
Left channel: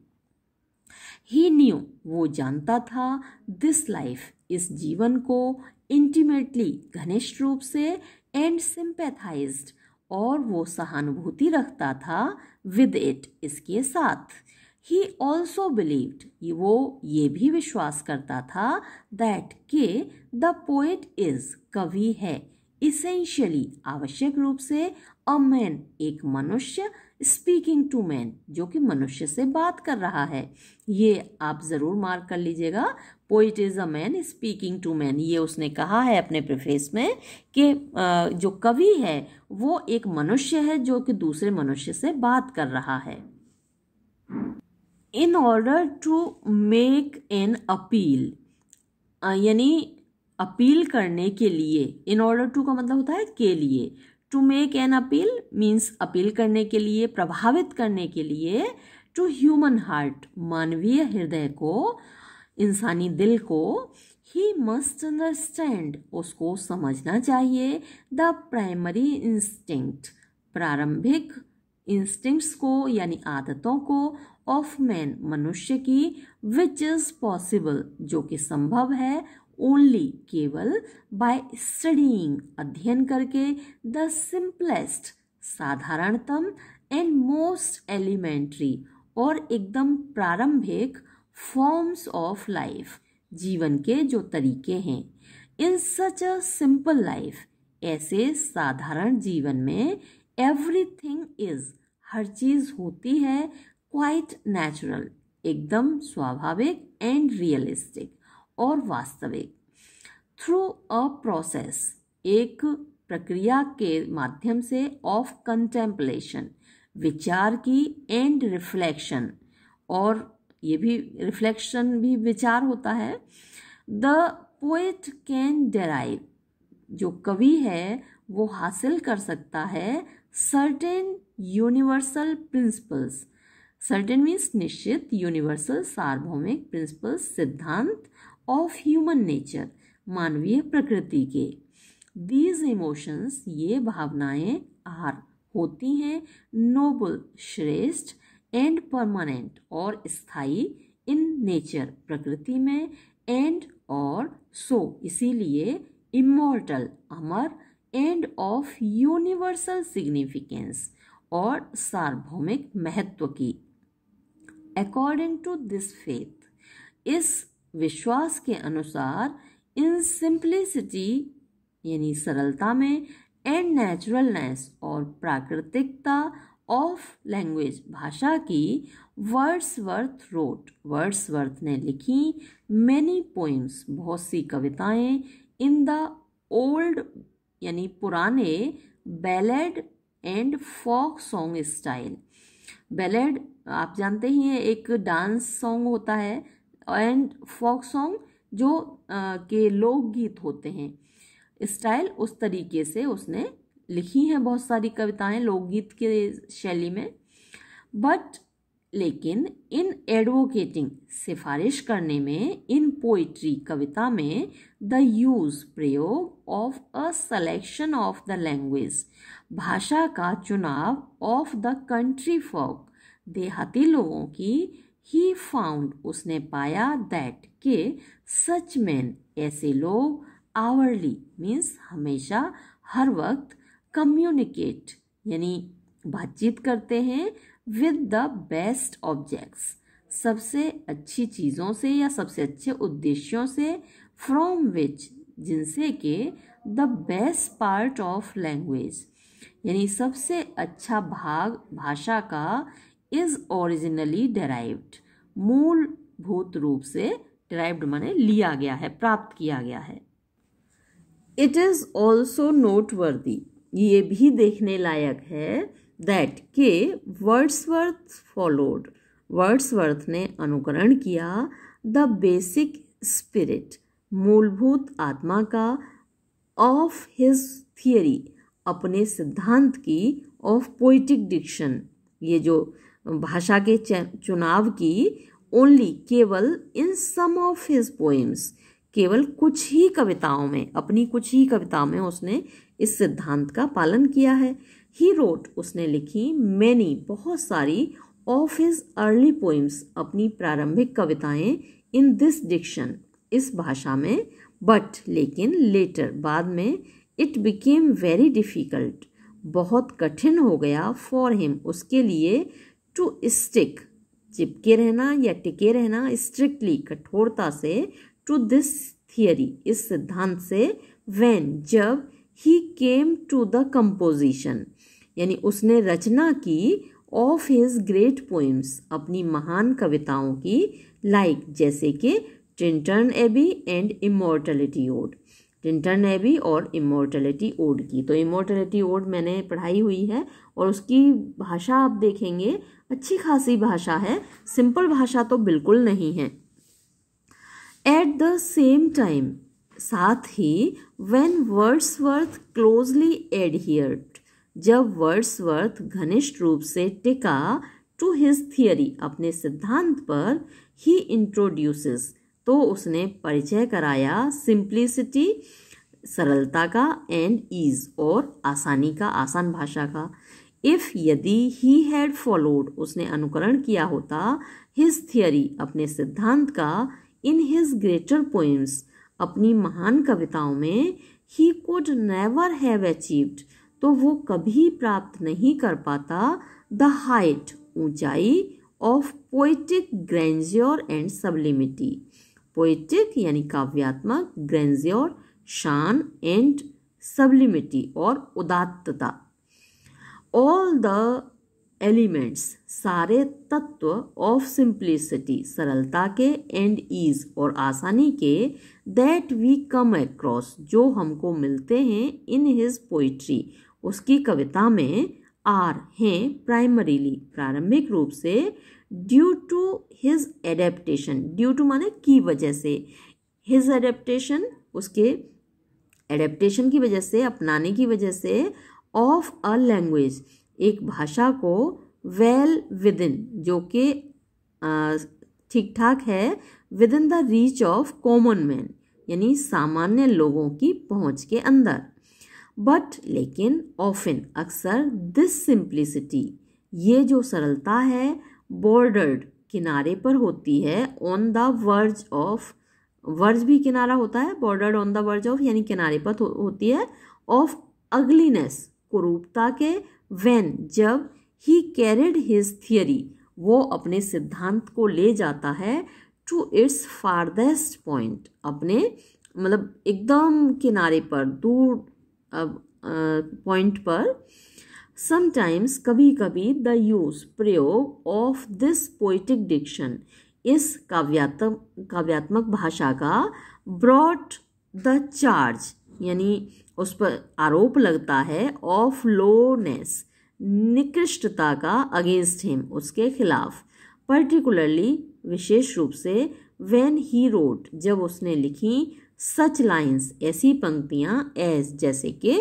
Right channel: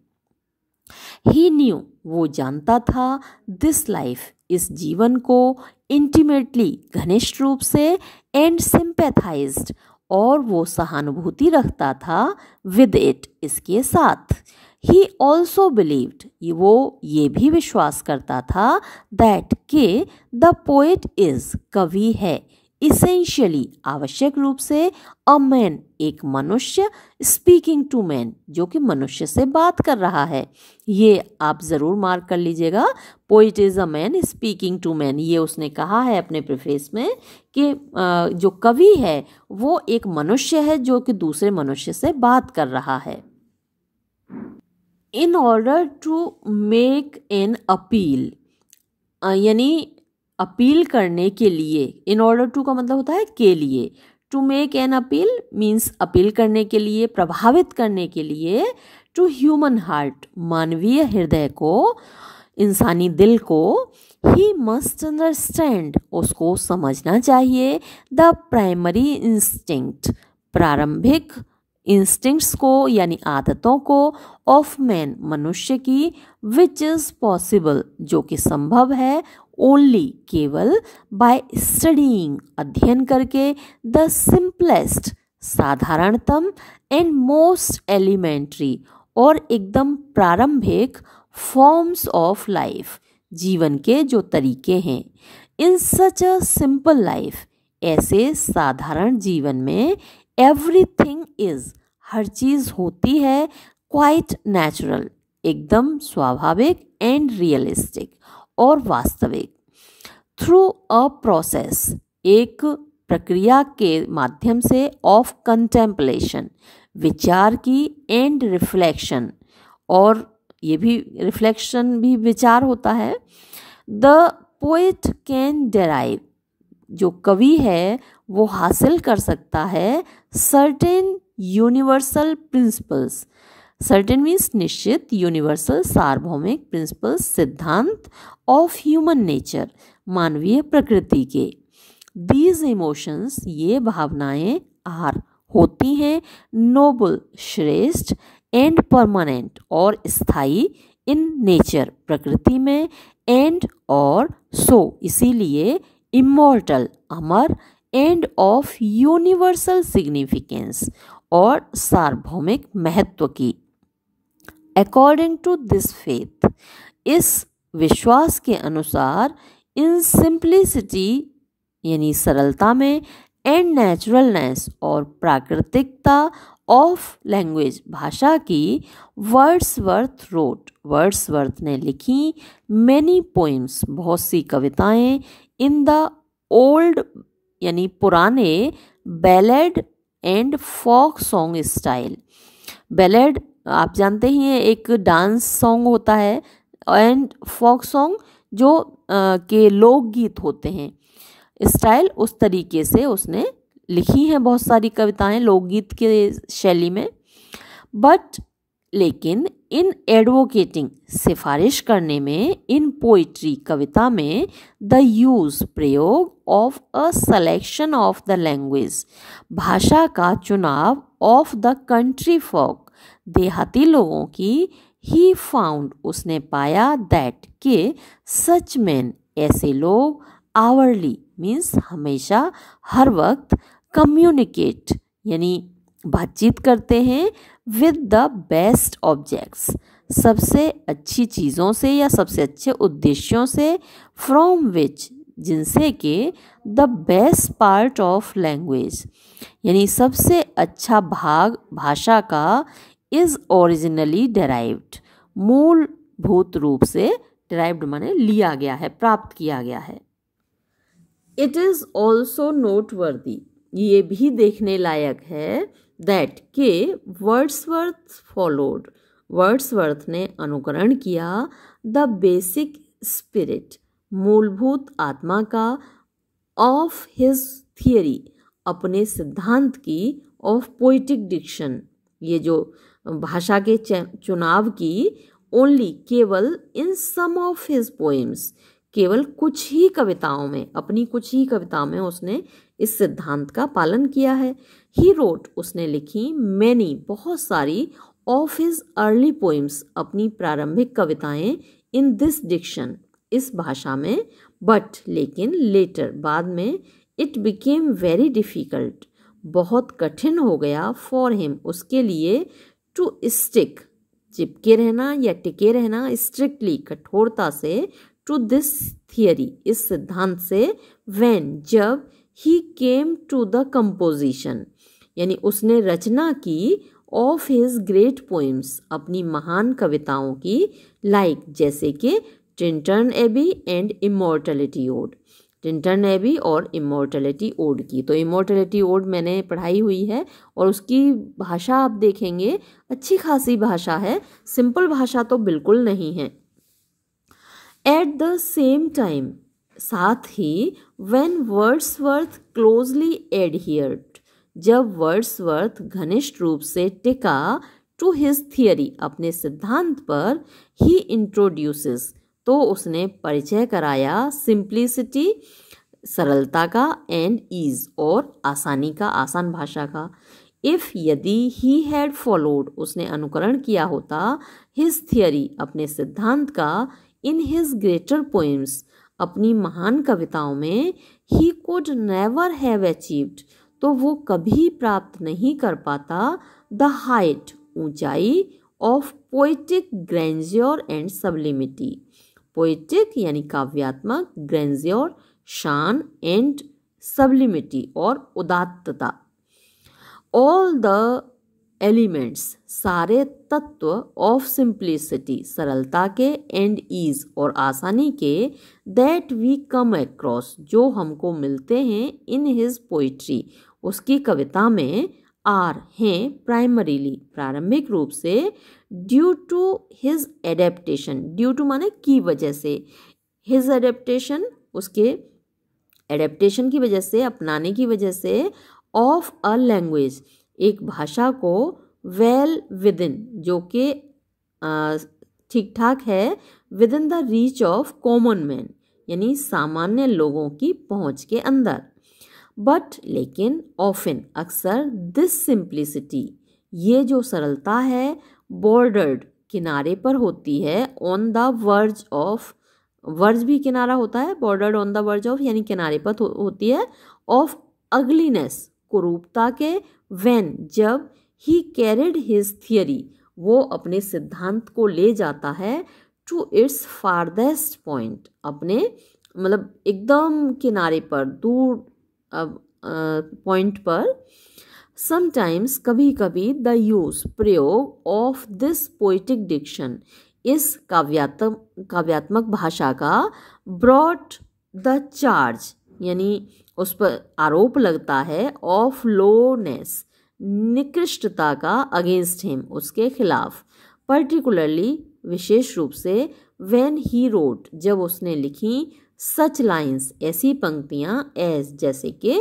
ही न्यू वो जानता था दिस लाइफ इस जीवन को इंटीमेटली घनिष्ठ रूप से एंड सिंपैथाइज्ड और वो सहानुभूति रखता था विद इट इसके साथ। ही ऑल्सो बिलीव्ड वो ये भी विश्वास करता था दैट के द पोएट इज कवि है इसेंशियली आवश्यक रूप से अ मैन एक मनुष्य स्पीकिंग टू मैन जो कि मनुष्य से बात कर रहा है। ये आप ज़रूर मार्क कर लीजिएगा poet is a man speaking to man ये उसने कहा है अपने प्रीफेस में कि जो कवि है वो एक मनुष्य है जो कि दूसरे मनुष्य से बात कर रहा है। In order to make an appeal, यानी अपील करने के लिए, इन ऑर्डर टू का मतलब होता है के लिए, to make an appeal means appeal करने के लिए, प्रभावित करने के लिए, टू ह्यूमन हार्ट मानवीय हृदय को, इंसानी दिल को, ही मस्ट अंडरस्टैंड उसको समझना चाहिए, द प्राइमरी इंस्टिंक्ट प्रारंभिक इंस्टिंक्ट्स को यानी आदतों को, ऑफ मैन मनुष्य की, विच इज पॉसिबल जो कि संभव है, ओनली केवल, बाय स्टडीइंग अध्ययन करके, द सिंपलेस्ट साधारणतम, एंड मोस्ट एलिमेंट्री और एकदम प्रारंभिक, फॉर्म्स ऑफ लाइफ जीवन के जो तरीके हैं, इन सच अ सिंपल लाइफ ऐसे साधारण जीवन में, एवरीथिंग इज हर चीज़ होती है, क्वाइट नेचुरल एकदम स्वाभाविक, एंड रियलिस्टिक और वास्तविक, थ्रू अ प्रोसेस एक प्रक्रिया के माध्यम से, ऑफ कंटेम्पलेशन विचार की, एंड रिफ्लेक्शन और ये भी रिफ्लेक्शन भी विचार होता है, द पोएट कैन डेराइव जो कवि है वो हासिल कर सकता है, certain universal principles, certain means निश्चित, यूनिवर्सल सार्वभौमिक, प्रिंसिपल्स सिद्धांत, ऑफ ह्यूमन नेचर मानवीय प्रकृति के, दीज इमोशंस ये भावनाएं, आर होती हैं, नोबल श्रेष्ठ, एंड परमानेंट और स्थायी, इन नेचर प्रकृति में, एंड और सो इसीलिए, immortal Amar, end of universal significance और सार्वभौमिक महत्व की, अकॉर्डिंग टू दिस फेथ इस विश्वास के अनुसार, इन सिंप्लिसिटी यानी सरलता में, एंड नेचुरलनेस और प्राकृतिकता, ऑफ लैंग्वेज भाषा की, वर्ड्सवर्थ रोट वर्ड्सवर्थ ने लिखी, मैनी पोइम्स बहुत सी कविताएं, इन द ओल्ड यानी पुराने, ballad and folk song style, ballad आप जानते ही हैं एक डांस सॉन्ग होता है, एंड फोक सॉन्ग जो के लोकगीत होते हैं, स्टाइल उस तरीके से उसने लिखी हैं बहुत सारी कविताएं लोकगीत के शैली में, बट लेकिन इन एडवोकेटिंग सिफारिश करने में, इन पोइट्री कविता में, द यूज प्रयोग, of a selection of the language भाषा का चुनाव, ऑफ द कंट्री फोक देहाती लोगों की, ही फाउंड उसने पाया, दैट के सच मैन ऐसे लोग, आवरली मीन्स हमेशा हर वक्त, कम्युनिकेट यानी बातचीत करते हैं, विद द बेस्ट ऑब्जेक्ट्स सबसे अच्छी चीज़ों से या सबसे अच्छे उद्देश्यों से, फ्रॉम विच जिनसे के, the best part of language यानी सबसे अच्छा भाग भाषा का, इज ओरिजिनली डेराइव्ड मूलभूत रूप से, डेराइव्ड माने लिया गया है, प्राप्त किया गया है। इट इज़ ऑल्सो नोटवर्दी ये भी देखने लायक है, दैट के वर्ड्सवर्थ फॉलोड वर्ड्सवर्थ ने अनुकरण किया, द बेसिक स्पिरिट मूलभूत आत्मा का, ऑफ हिज थियरी अपने सिद्धांत की, ऑफ पोइटिक डिक्शन ये जो भाषा के चुनाव की, ओनली केवल, इन सम ऑफ हिज पोएम्स केवल कुछ ही कविताओं में, अपनी कुछ ही कविताओं में उसने इस सिद्धांत का पालन किया है। ही रोट उसने लिखी, मैनी बहुत सारी, ऑफ हिज अर्ली पोइम्स अपनी प्रारंभिक कविताएं, इन दिस डिक्शन इस भाषा में, बट लेकिन लेटर बाद में, इट बिकेम वेरी डिफिकल्ट बहुत कठिन हो गया, फॉर हिम उसके लिए, टू स्टिक चिपके रहना या टिके रहना, स्ट्रिक्टली कठोरता से, टू दिस थियरी इस सिद्धांत से, व्हेन जब, ही केम टू द कंपोजिशन यानी उसने रचना की, ऑफ हिज ग्रेट पोइम्स अपनी महान कविताओं की, लाइक जैसे कि Tintern Abbey and immortality ode Tintern Abbey और इमॉर्टैलिटी ओड की। तो इमॉर्टैलिटी ओड मैंने पढ़ाई हुई है और उसकी भाषा आप देखेंगे अच्छी खासी भाषा है, सिंपल भाषा तो बिल्कुल नहीं है। एट द सेम टाइम, साथ ही, व्हेन वर्ड्सवर्थ क्लोजली एडहियर्ड, जब वर्ड्सवर्थ घनिष्ठ रूप से टिका टू हिज थियरी, अपने सिद्धांत पर, ही इंट्रोड्यूसेस, तो उसने परिचय कराया, सिंप्लिसिटी, सरलता का, एंड ईज, और आसानी का, आसान भाषा का। इफ, यदि, ही हैड फॉलोड, उसने अनुकरण किया होता, हिज थियरी, अपने सिद्धांत का, इन हिज ग्रेटर पोएम्स, अपनी महान कविताओं में, he could never have achieved, तो वो कभी प्राप्त नहीं कर पाता, द हाइट, ऊंचाई, of poetic grandeur and sublimity, poetic यानी काव्यात्मक, ग्रैंडियर शान, एंड सब्लिमिटी और उदात्तता। ऑल द एलिमेंट्स, सारे तत्व, ऑफ सिंप्लिसिटी, सरलता के, एंड ईज, और आसानी के, दैट वी कम अक्रॉस, जो हमको मिलते हैं, इन हिज पोइट्री, उसकी कविता में, आर, हैं, प्राइमरीली, प्रारंभिक रूप से, due to his adaptation, due to माने की वजह से, हिज एडेप्टेशन, उसके एडेप्टेशन की वजह से, अपनाने की वजह से, ऑफ अ लैंग्वेज, एक भाषा को, वेल विद इन, जो कि ठीक ठाक है, with in the reach of common man, यानी सामान्य लोगों की पहुंच के अंदर। बट, लेकिन, ऑफन, अक्सर, दिस सिंप्लिसिटी, ये जो सरलता है, बॉर्डर्ड, किनारे पर होती है, on the verge of, verge भी किनारा होता है, bordered on the verge of यानी किनारे पर होती है, ऑफ अगलीनेस, कुरूपता के, व्हेन, जब, ही कैरिड हिज थियरी, वो अपने सिद्धांत को ले जाता है, टू इट्स फारदेस्ट पॉइंट, अपने मतलब एकदम किनारे पर, दूर पॉइंट पर। समटाइम्स, कभी कभी, द यूज, प्रयोग, ऑफ दिस पोइटिक डिक्शन, इस काव्यात्मक भाषा का, ब्रॉट द चार्ज, यानी उस पर आरोप लगता है, ऑफ लोनेस, निकृष्टता का, अगेंस्ट हिम, उसके खिलाफ, पर्टिकुलरली, विशेष रूप से, व्हेन ही रोट, जब उसने लिखी, सच लाइन्स, ऐसी पंक्तियां, एज, जैसे कि,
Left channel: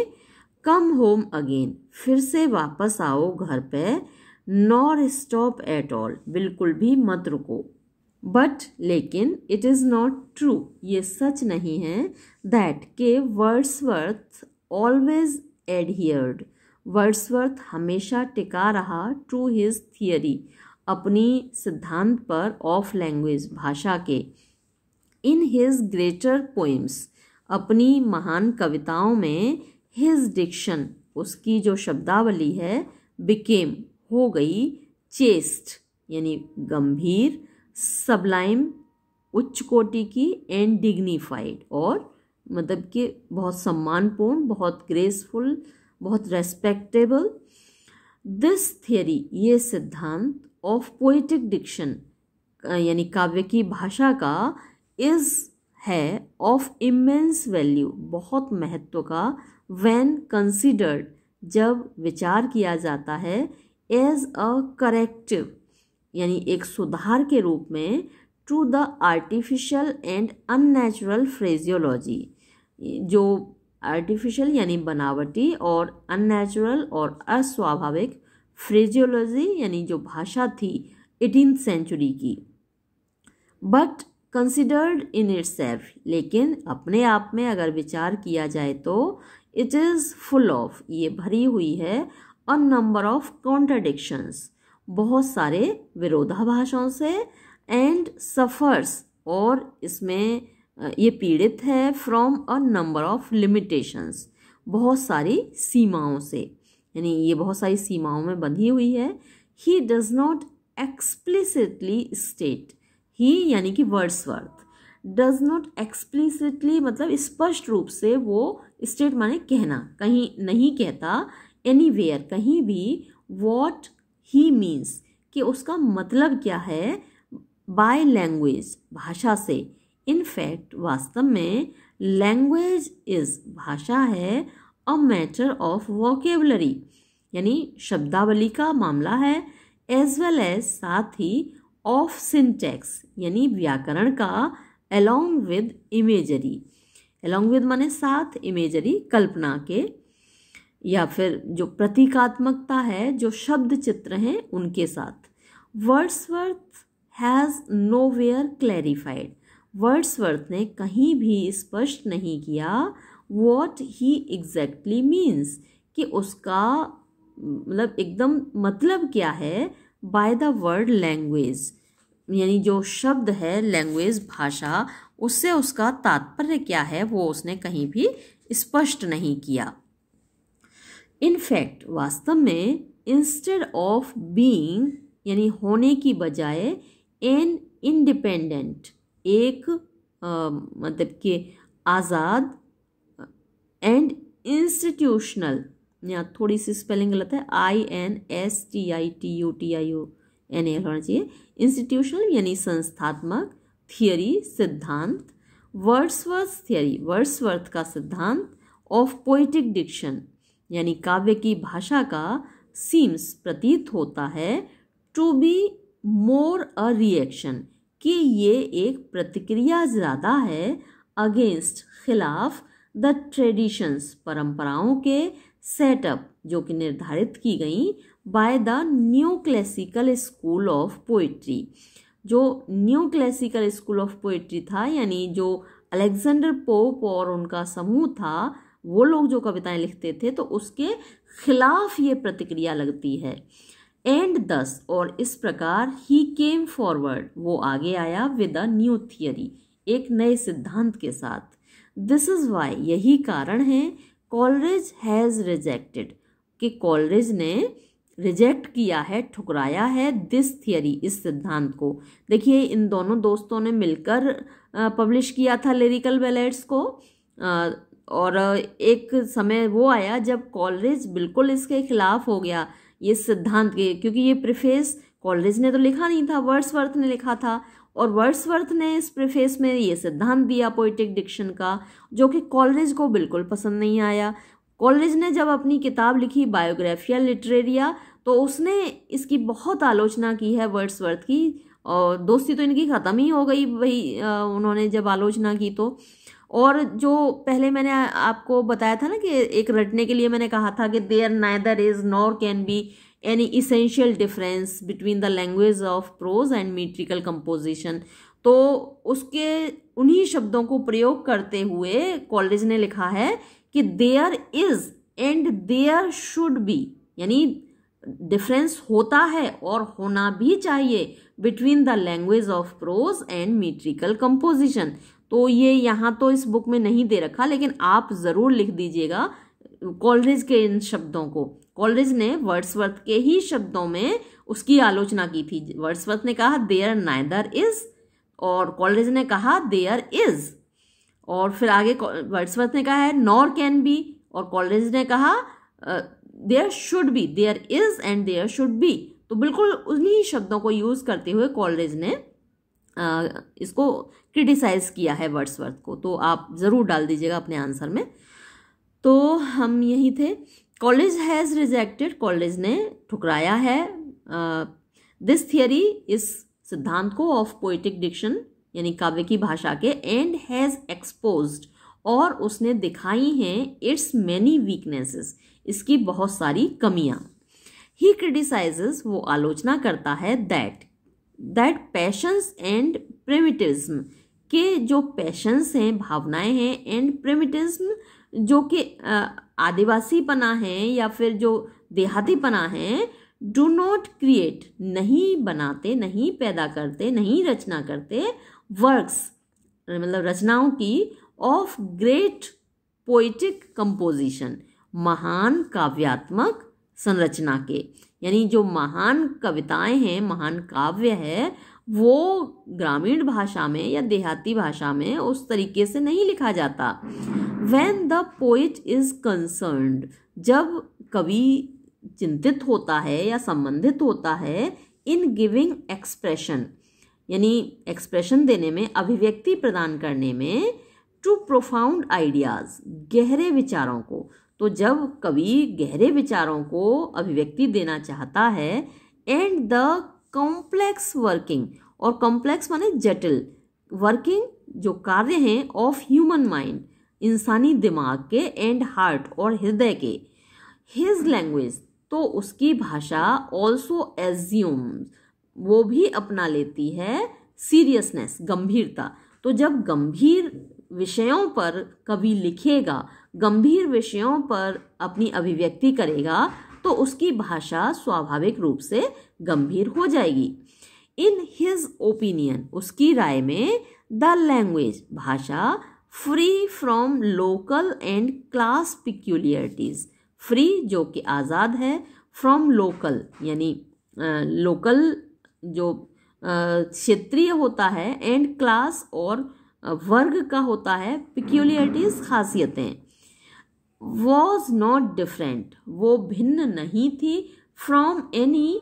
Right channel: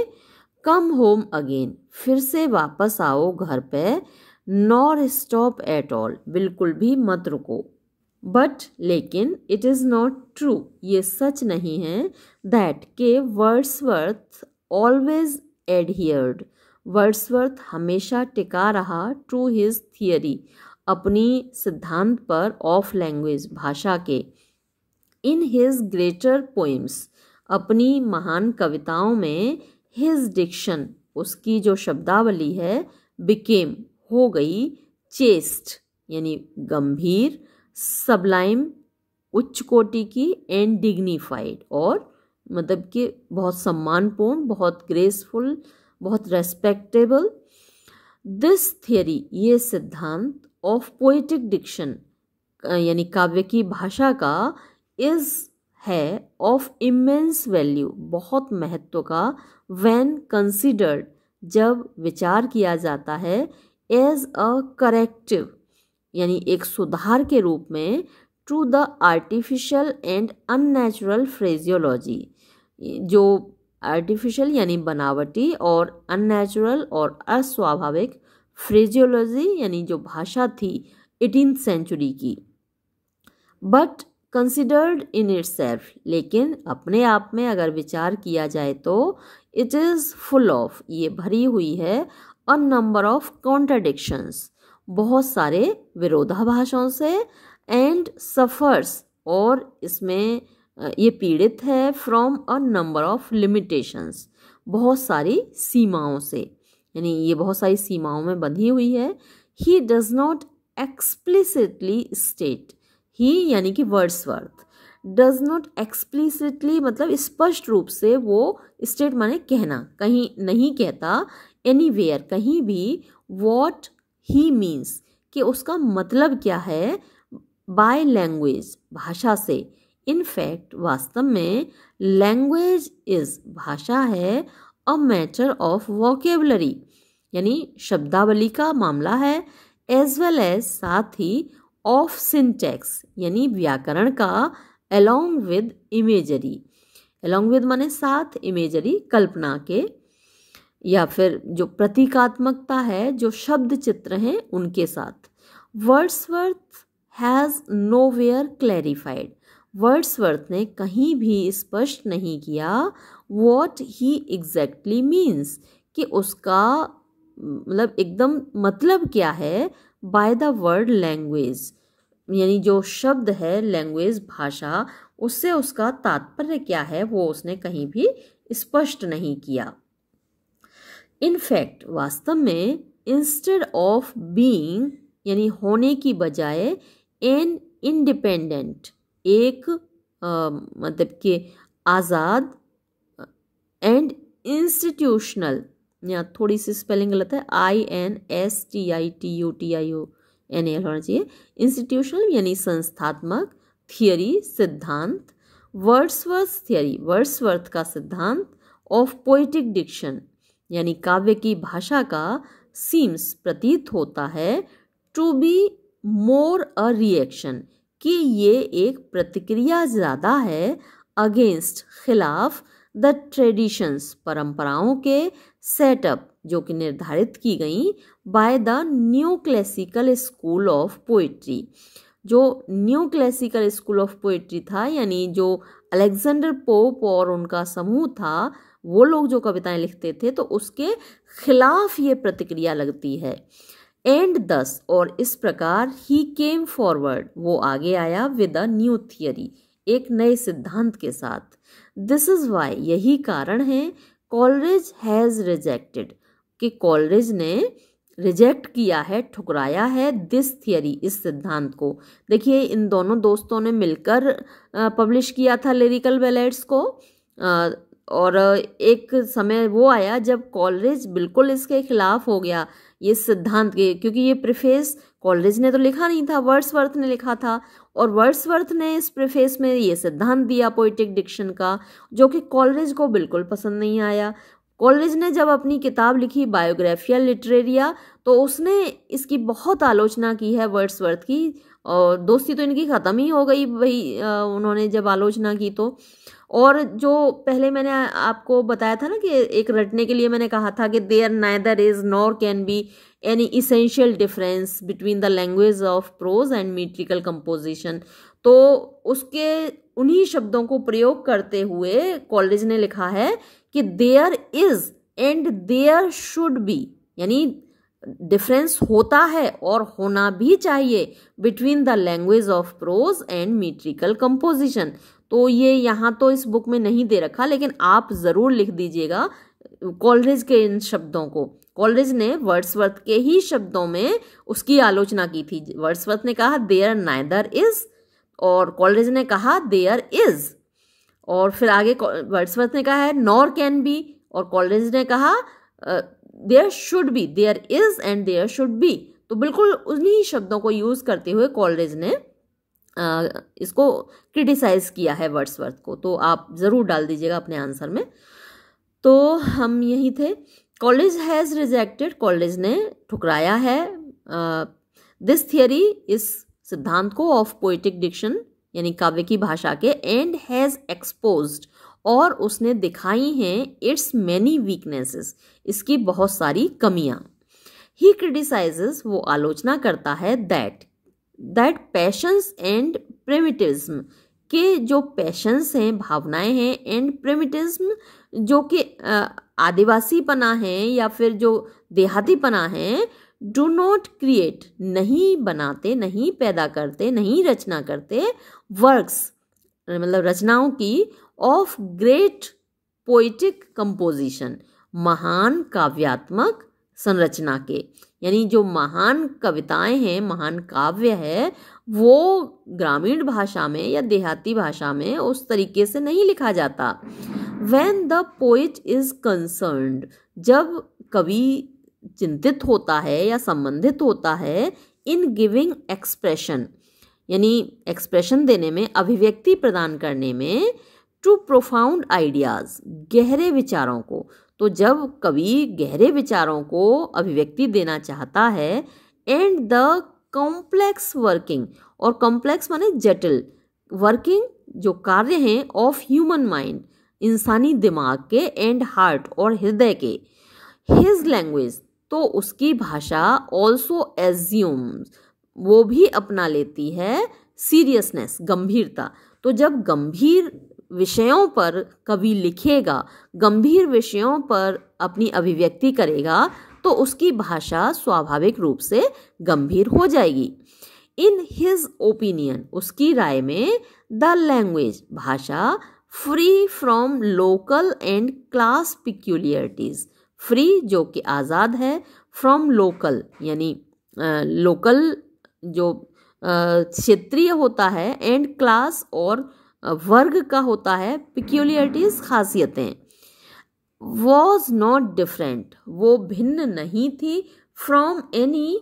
कम होम अगेन, फिर से वापस आओ घर पे, नॉर स्टॉप एट ऑल, बिल्कुल भी मत रुको। बट, लेकिन, इट इज़ नॉट ट्रू, ये सच नहीं है, दैट के वर्ड्सवर्थ ऑलवेज एडहियर्ड, वर्ड्सवर्थ हमेशा टिका रहा, टू हिज थियरी, अपनी सिद्धांत पर, ऑफ लैंग्वेज, भाषा के, इन हिज ग्रेटर पोइम्स, अपनी महान कविताओं में, हिज डिक्शन, उसकी जो शब्दावली है, बिकेम, हो गई, चेस्ट, यानी गंभीर, सबलाइम, उच्च कोटि की, एंड डिग्निफाइड, और मतलब कि बहुत सम्मानपूर्ण, बहुत ग्रेसफुल, बहुत रेस्पेक्टेबल। दिस थियरी, ये सिद्धांत, ऑफ पोएटिक डिक्शन, यानी काव्य की भाषा का, इज, है, ऑफ इमेंस वैल्यू, बहुत महत्व का, व्हेन कंसिडर्ड, जब विचार किया जाता है, एज अ करेक्टिव, यानी एक सुधार के रूप में, to the artificial and unnatural phraseology, जो आर्टिफिशियल यानी बनावटी और अननेचुरल और अस्वाभाविक फ्रेजियोलॉजी यानी जो भाषा थी 18th सेंचुरी की। बट कंसिडर्ड इन इटसेल्फ, लेकिन अपने आप में अगर विचार किया जाए तो, इट इज़ फुल ऑफ, ये भरी हुई है, अ नंबर ऑफ कॉन्ट्राडिक्शंस, बहुत सारे विरोधाभासों से, एंड सफर्स, और इसमें ये पीड़ित है, from a number of limitations, बहुत सारी सीमाओं से, यानी ये बहुत सारी सीमाओं में बंधी हुई है। He does not explicitly state, he यानी कि वर्ड्सवर्थ, डज नॉट एक्सप्लिसिटली मतलब स्पष्ट रूप से, वो स्टेट माने कहना, कहीं नहीं कहता, एनीवेयर कहीं भी, वॉट ही मीन्स कि उसका मतलब क्या है, बाय लैंग्वेज भाषा से, इन फैक्ट वास्तव में, लैंग्वेज इज, भाषा है, अ मैटर ऑफ वोकेबलरी, यानी शब्दावली का मामला है, एज वेल एज, साथ ही, ऑफ सिंटैक्स, यानी व्याकरण का, along with imagery, along with माने साथ, इमेजरी कल्पना के, या फिर जो प्रतीकात्मकता है, जो शब्द चित्र हैं उनके साथ। Wordsworth has nowhere clarified, Wordsworth ने कहीं भी स्पष्ट नहीं किया व्हाट ही एग्जैक्टली मीन्स, कि उसका मतलब एकदम मतलब क्या है, बाय द वर्ड लैंग्वेज, यानी जो शब्द है लैंग्वेज, भाषा, उससे उसका तात्पर्य क्या है वो उसने कहीं भी स्पष्ट नहीं किया। इनफैक्ट, वास्तव में, इंस्टेड ऑफ बीइंग, यानी होने की बजाय, एन इंडिपेंडेंट, एक मतलब कि आज़ाद, एंड इंस्टीट्यूशनल, या थोड़ी सी स्पेलिंग गलत है, INSTITUTIONAL होना चाहिए, इंस्टीट्यूशनल यानी संस्थात्मक, थियरी सिद्धांत, वर्ड्सवर्थ थियरी, वर्ड्सवर्थ का सिद्धांत, ऑफ पोइटिक डिक्शन, यानी काव्य की भाषा का, सीम्स प्रतीत होता है, to be more a reaction, कि ये एक प्रतिक्रिया ज़्यादा है, अगेंस्ट, खिलाफ, द ट्रेडिशंस, परंपराओं के, सेटअप, जो कि निर्धारित की गई, by the new classical school of poetry, जो new classical school of poetry था, यानी जो अलेक्जेंडर पोप और उनका समूह था, वो लोग जो कविताएं लिखते थे, तो उसके खिलाफ ये प्रतिक्रिया लगती है। एंड दस, और इस प्रकार, ही केम फॉरवर्ड, वो आगे आया, विद अ न्यू थियरी, एक नए सिद्धांत के साथ। दिस इज वाई, यही कारण है, कॉलरिज हैज़ रिजेक्टेड, कि कॉलरिज ने रिजेक्ट किया है, ठुकराया है, दिस थियरी, इस सिद्धांत को। देखिए, इन दोनों दोस्तों ने मिलकर पब्लिश किया था लिरिकल बैलेड्स को, और एक समय वो आया जब कॉलरिज बिल्कुल इसके खिलाफ हो गया, ये सिद्धांत के, क्योंकि ये प्रीफेस कॉलरिज ने तो लिखा नहीं था, वर्ड्सवर्थ ने लिखा था, और वर्ड्सवर्थ ने इस प्रीफेस में ये सिद्धांत दिया पोइटिक डिक्शन का, जो कि कॉलरिज को बिल्कुल पसंद नहीं आया। कॉलरिज ने जब अपनी किताब लिखी बायोग्राफिया लिटरेरिया, तो उसने इसकी बहुत आलोचना की है वर्ड्सवर्थ की, और दोस्ती तो इनकी ख़त्म ही हो गई भाई, उन्होंने जब आलोचना की तो। और जो पहले मैंने आपको बताया था ना कि एक रटने के लिए मैंने कहा था कि there neither is nor can be any essential difference between the language of prose and metrical composition, तो उसके उन्हीं शब्दों को प्रयोग करते हुए कॉलरिज ने लिखा है कि there is and there should be, यानी डिफरेंस होता है और होना भी चाहिए between the language of prose and metrical composition. तो ये यहाँ तो इस बुक में नहीं दे रखा, लेकिन आप ज़रूर लिख दीजिएगा कॉलरिज के इन शब्दों को। कॉलरिज ने वर्ड्सवर्थ के ही शब्दों में उसकी आलोचना की थी। वर्ड्सवर्थ ने कहा देयर नाइदर इज, और कॉलरिज ने कहा देयर इज, और फिर आगे वर्ड्सवर्थ ने कहा है नॉर कैन बी, और कॉलरिज ने कहा there should be, there is and there should be. तो बिल्कुल उन्हीं शब्दों को यूज करते हुए कॉलरिज ने इसको क्रिटिसाइज किया है वर्ड्सवर्थ को। तो आप ज़रूर डाल दीजिएगा अपने आंसर में। तो हम यही थे, कॉलरिज हैज़ रिजेक्टेड, कॉलरिज ने ठुकराया है दिस थियरी, इस सिद्धांत को, ऑफ पोइटिक डिक्शन यानी काव्य की भाषा के, एंड हैज़ एक्सपोज्ड, और उसने दिखाई हैं इट्स मैनी वीकनेसेस, इसकी बहुत सारी कमियां। ही क्रिटिसाइजेस, वो आलोचना करता है, दैट पैशंस एंड प्रिमिटिव्ज्म, के जो पैशंस हैं, भावनाएं हैं, एंड प्रिमिटिव्ज्म, जो कि आदिवासीपना है या फिर जो देहातीपना है, डू नॉट क्रिएट, नहीं बनाते, नहीं पैदा करते, नहीं रचना करते, वर्क्स मतलब रचनाओं की, ऑफ ग्रेट पोइटिक कंपोजिशन, महान काव्यात्मक संरचना के, यानी जो महान कविताएं हैं, महान काव्य है, वो ग्रामीण भाषा में या देहाती भाषा में उस तरीके से नहीं लिखा जाता। When the poet is concerned, जब कवि चिंतित होता है या संबंधित होता है, इन गिविंग एक्सप्रेशन, यानी एक्सप्रेशन देने में, अभिव्यक्ति प्रदान करने में, टू प्रोफाउंड आइडियाज, गहरे विचारों को। तो जब कवि गहरे विचारों को अभिव्यक्ति देना चाहता है, एंड द कॉम्प्लेक्स वर्किंग, और कॉम्प्लेक्स माने जटिल, वर्किंग जो कार्य हैं ऑफ ह्यूमन माइंड, इंसानी दिमाग के, एंड हार्ट और हृदय के, हिज लैंग्वेज, तो उसकी भाषा ऑल्सो एज्यूम्स, वो भी अपना लेती है सीरियसनेस, गंभीरता। तो जब गंभीर विषयों पर कवि लिखेगा, गंभीर विषयों पर अपनी अभिव्यक्ति करेगा, तो उसकी भाषा स्वाभाविक रूप से गंभीर हो जाएगी। इन हिज ओपिनियन, उसकी राय में, द लैंग्वेज, भाषा, free from local and class peculiarities, free जो कि आज़ाद है, फ्रॉम लोकल यानी लोकल जो क्षेत्रीय होता है, एंड क्लास और वर्ग का होता है, पिक्यूलियरिटीज खासियतें, वॉज नॉट डिफरेंट, वो भिन्न नहीं थी, फ्रॉम एनी